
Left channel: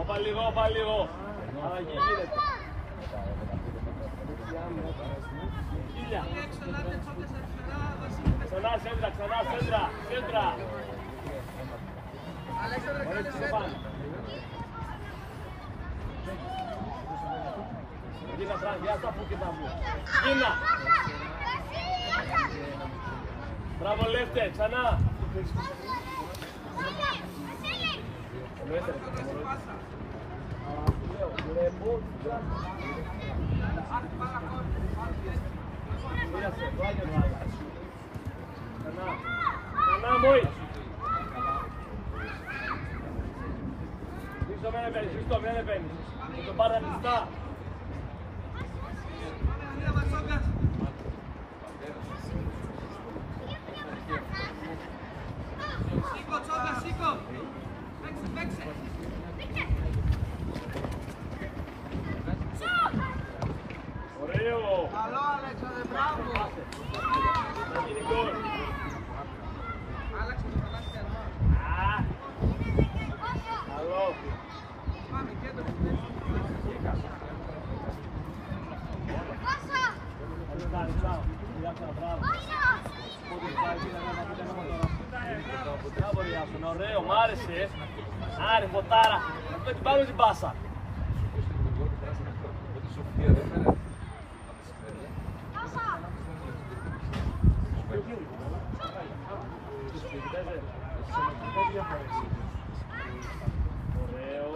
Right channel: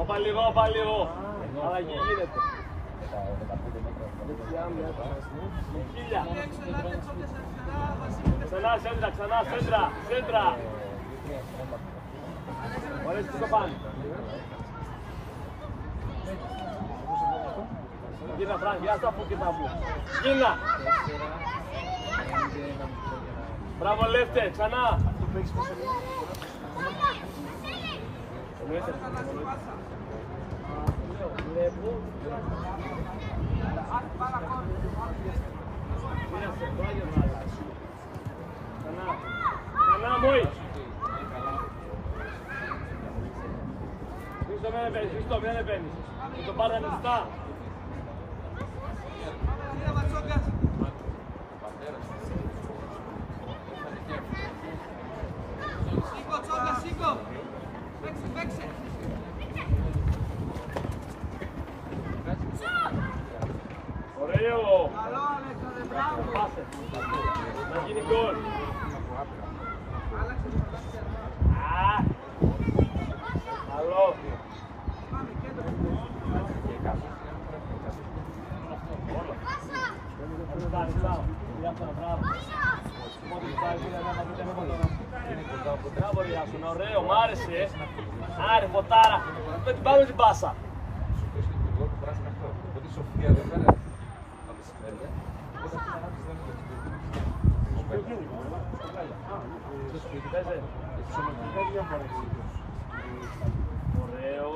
Όπα λίγο. Αλλαγή γίνεται. Ξανά σέντρα. Ωραία, τι θα πάνε. Γίνα, Φραν, για τα που και τα που. Γίνα. Μπράβο, Λεύτε, ξανά. Βλέπω. Μοίρασε, το άγιο βγάλα. Ξανά, μόη. Χρήστο, μην επένεις. Με τον πάρε ανοιχτά. Σήκω. Παίξε. Ωραίο. Θα γίνει γκολ. Καλό. Ωραίο, μ' άρεσε. Άρε, φωτάρα. Δεν την πάμε την πάσα. Ωραίο.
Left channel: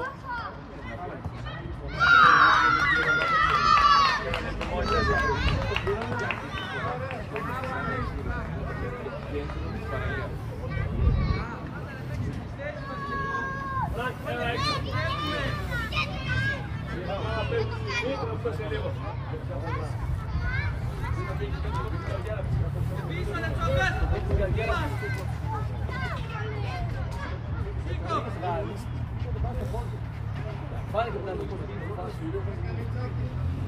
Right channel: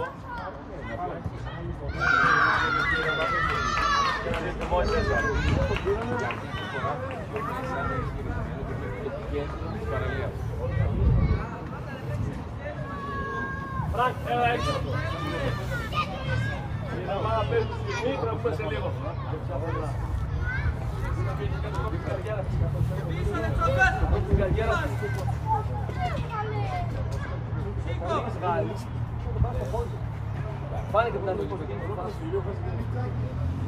Φρανκ, έλα έξω. Σε λίγο. Πάνε και τα λίγο. Το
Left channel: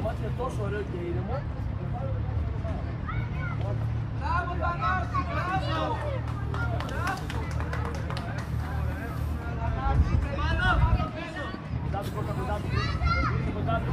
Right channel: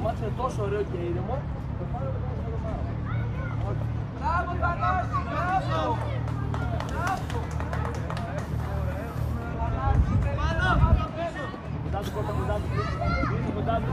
μάτι είναι τόσο ωραίο και ήρεμο. Το πάρω και το κάνω. Κοντά του.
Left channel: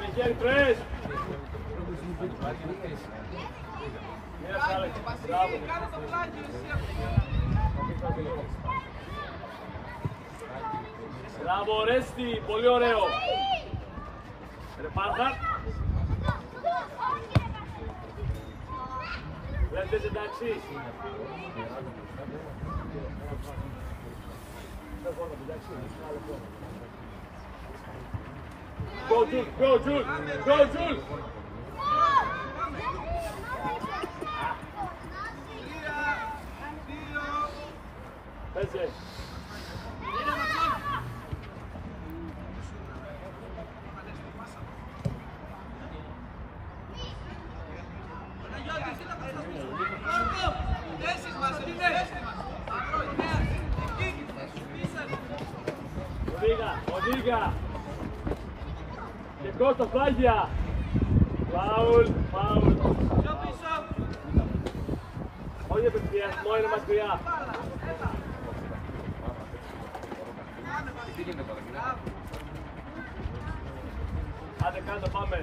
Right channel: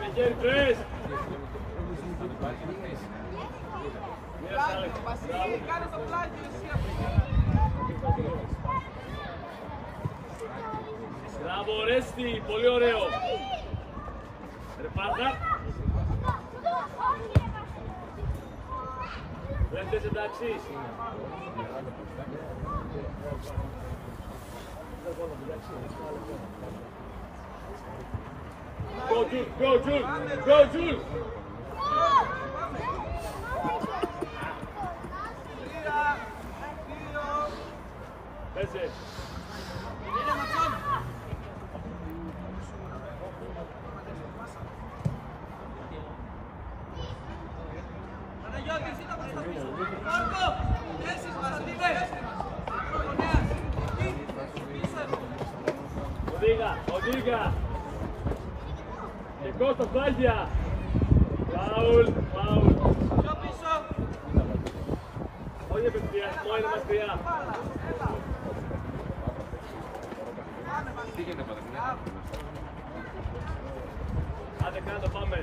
Μιγέλ, τρες! Μπράβο, Ρέστη, πολύ ωραίο! Ρε Πάντα! Λέντες εντάξει! Go Jules! Πέσε! Οδήγα! Κώστα, πλάγια. Φάουλ, φάουλ. Όχι επιστιασμό, είναι μακριά. Τι γίνεται πάντα, μιλά. Άντε κάτω, πάμε.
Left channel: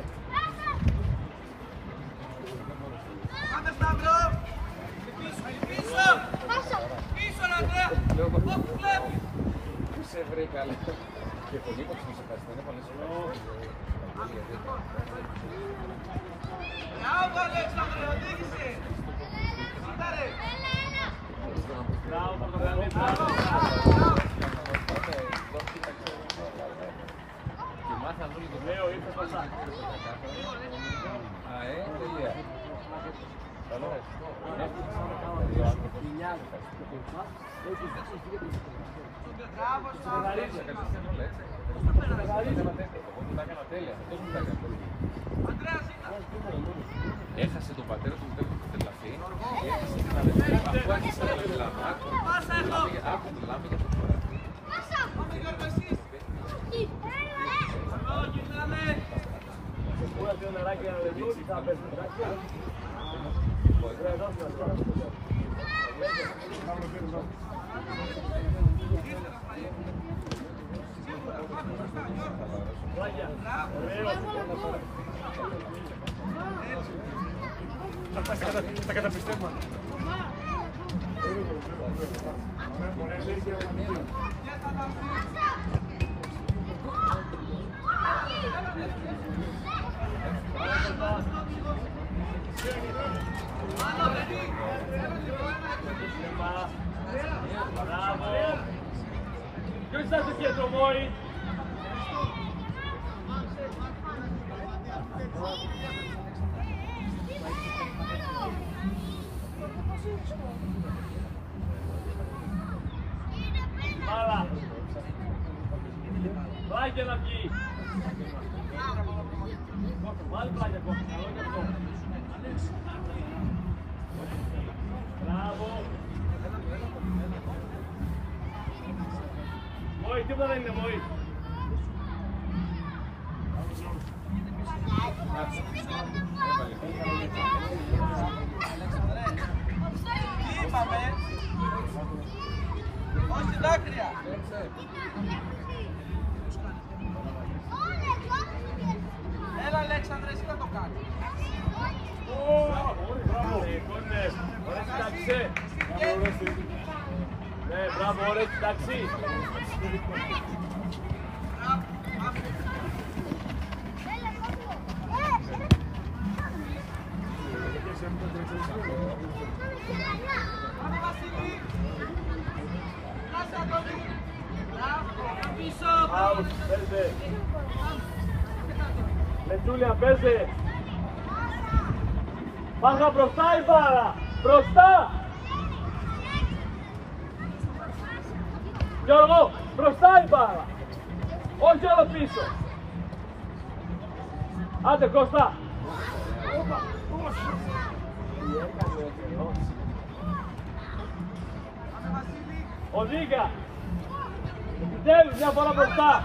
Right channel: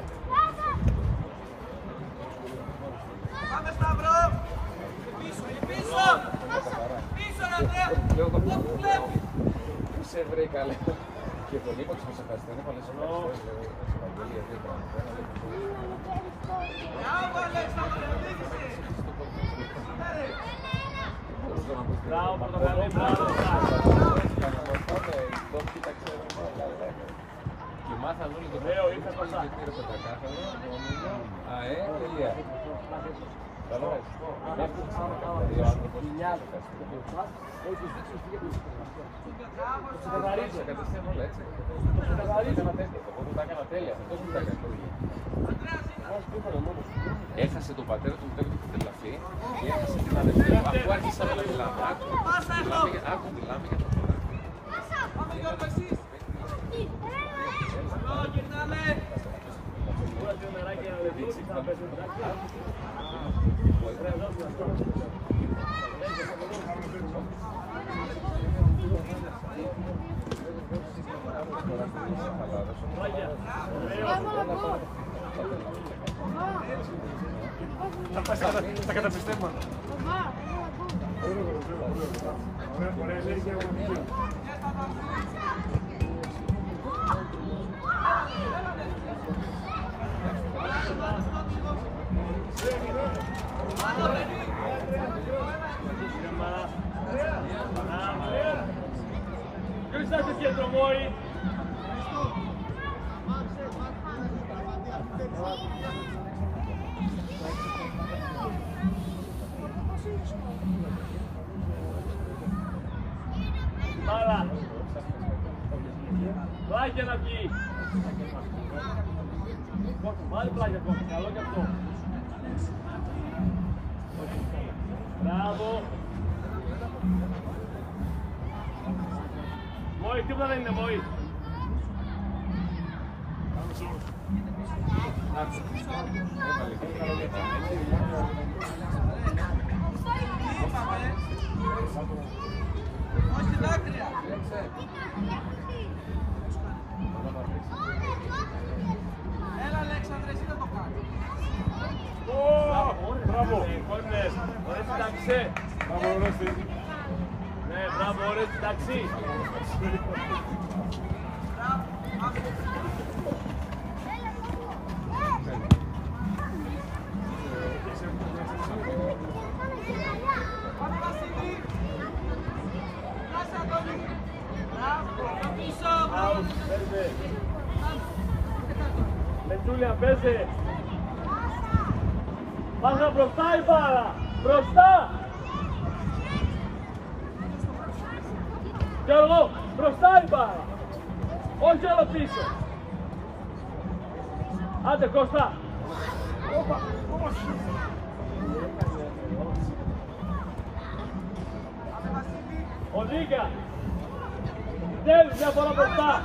Πάμε Σταύρο. Πίσω. Πίσω, Ανδρέα. Όπου βλέπει. Σε βρήκα, λέει. Και πολύ πως να σε ευχαριστώ. Μπράβο, Αλέξανδρε, οδήγησε. Μπράβο, Πορτογαλί, μπράβο. Λέω, ήρθε μπροστά. Έχασε τον πατέρα του μητέρα του την τελαφή, έχασε την αδερφή, αυτό άρχισε να μιλάμε, άκου μιλάμε για το κοράκι. Τα καταπιστεύω. Ποιος είσαι στο κέντρο, Μόη? Μπάλα. Πλάγια να βγει. Βάλει πλάγια Κώστα, καλό και αυτό. Μπράβο. Μόη, τίποτα δεν είναι, Μόη. Τι είπαμε. Όχι δάκρυα. Έλα Αλέξανδρε, εσύ να το κάνεις. Κόρνερ, ωραία συνταξή. Ναι, μπράβο, ωραία συνταξή. Λετούλια, παίζε. Πάγα μπροστά η μπάλα. Μπροστά. Γιώργο, μπροστά η μπάλα. Όχι όλο πίσω. Άντε Κώστα. Οδήγα. Επιτέλους μια φορά μπροστά.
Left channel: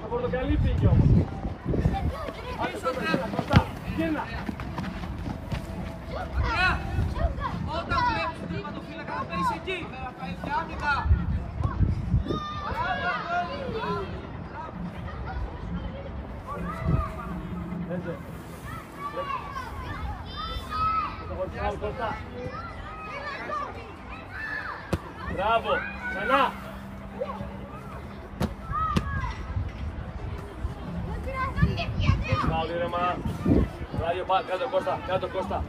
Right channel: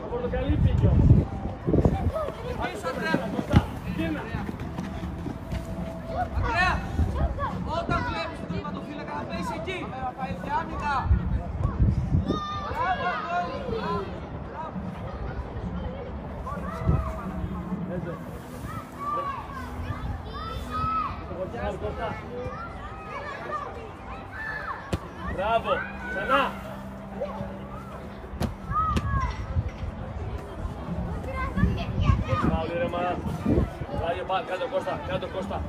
Το πορτοκαλί πήγε όμως. Κίνα. Όταν βλέπεις τον τερματοφύλακα να παίζει εκεί. Μπράβο, ξανά. Μπράβο, ήρεμα. Πλάγια πάνω, κάτω Κώστα, κάτω Κώστα.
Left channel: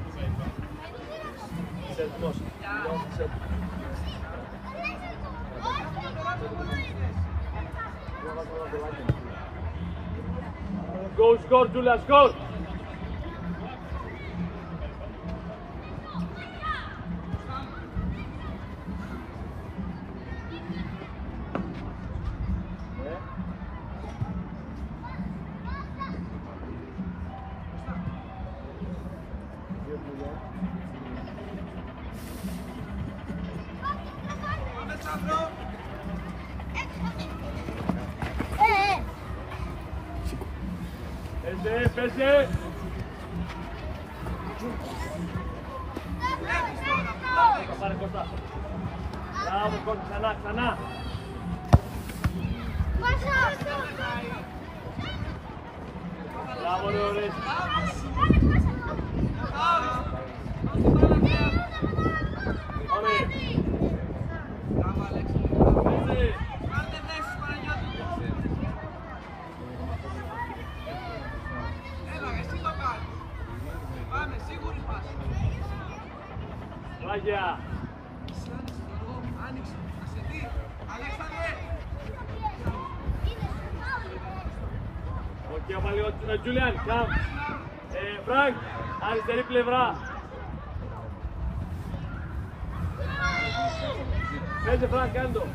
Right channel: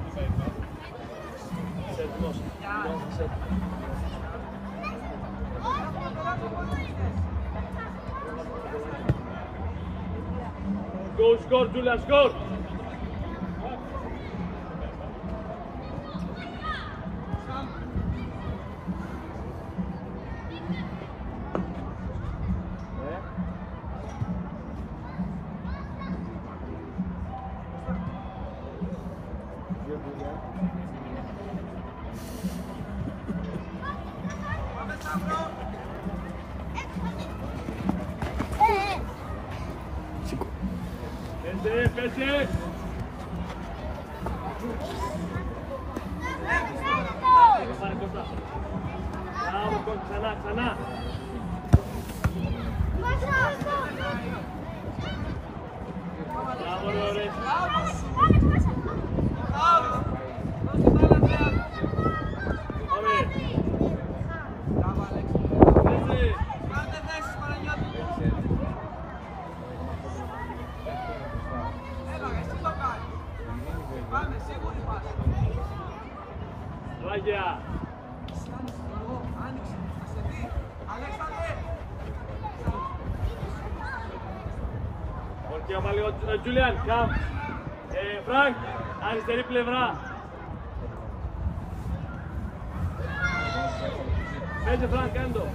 Σετικός. Go score, Julia, score! Παίζε, παίζε. Κώστα, πάρε Κώστα. Μπράβο Κώστα, ξανά, ξανά. Μπράβο, ρε, ωραίες. Πάμε. Παίζε. Πάμε, σίγουρη πας. Ράγια. Άνοιξε, σε τι, Αλέξανδρε. Οκ, άμα λίγο, Τζούλιαν, καμ. Φρανκ, αριστερή πλευρά. Παίζε Φρανκ, κάνε το.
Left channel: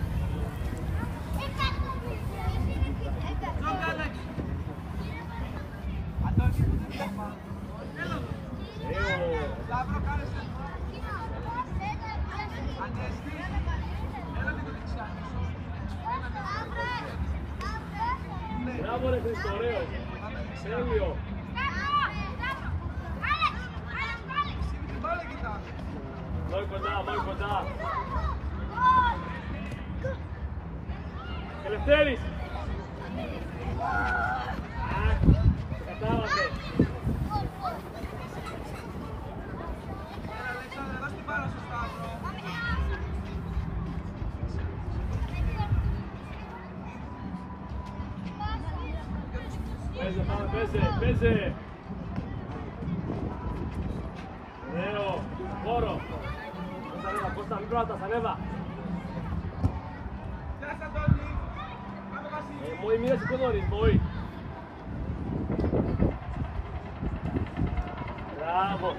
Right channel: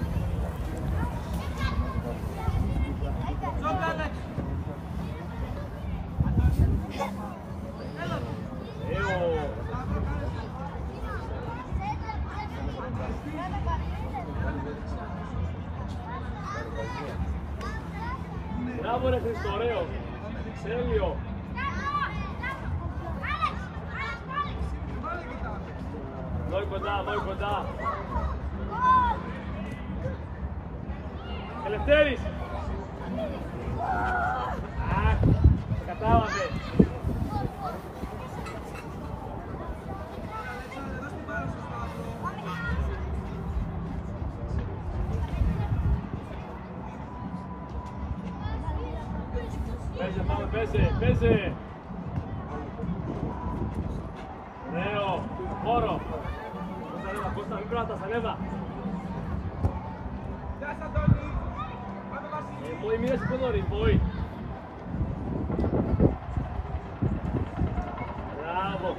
Μπράβο ρε Χρήστο, ωραίο. Τέλειο. Μόη κοντά, μόη κοντά. Ελευθέρης. Αχ, σε κατάλαβε. Παίζε, πάμε, παίζε, παίζε. Ωραίο, χώρο. Κώστα, ανέβα, Κώστα, μην πράτας, ανέβα. Μόη, μείνε πιο νωρίς, Μόη. Μπράβο.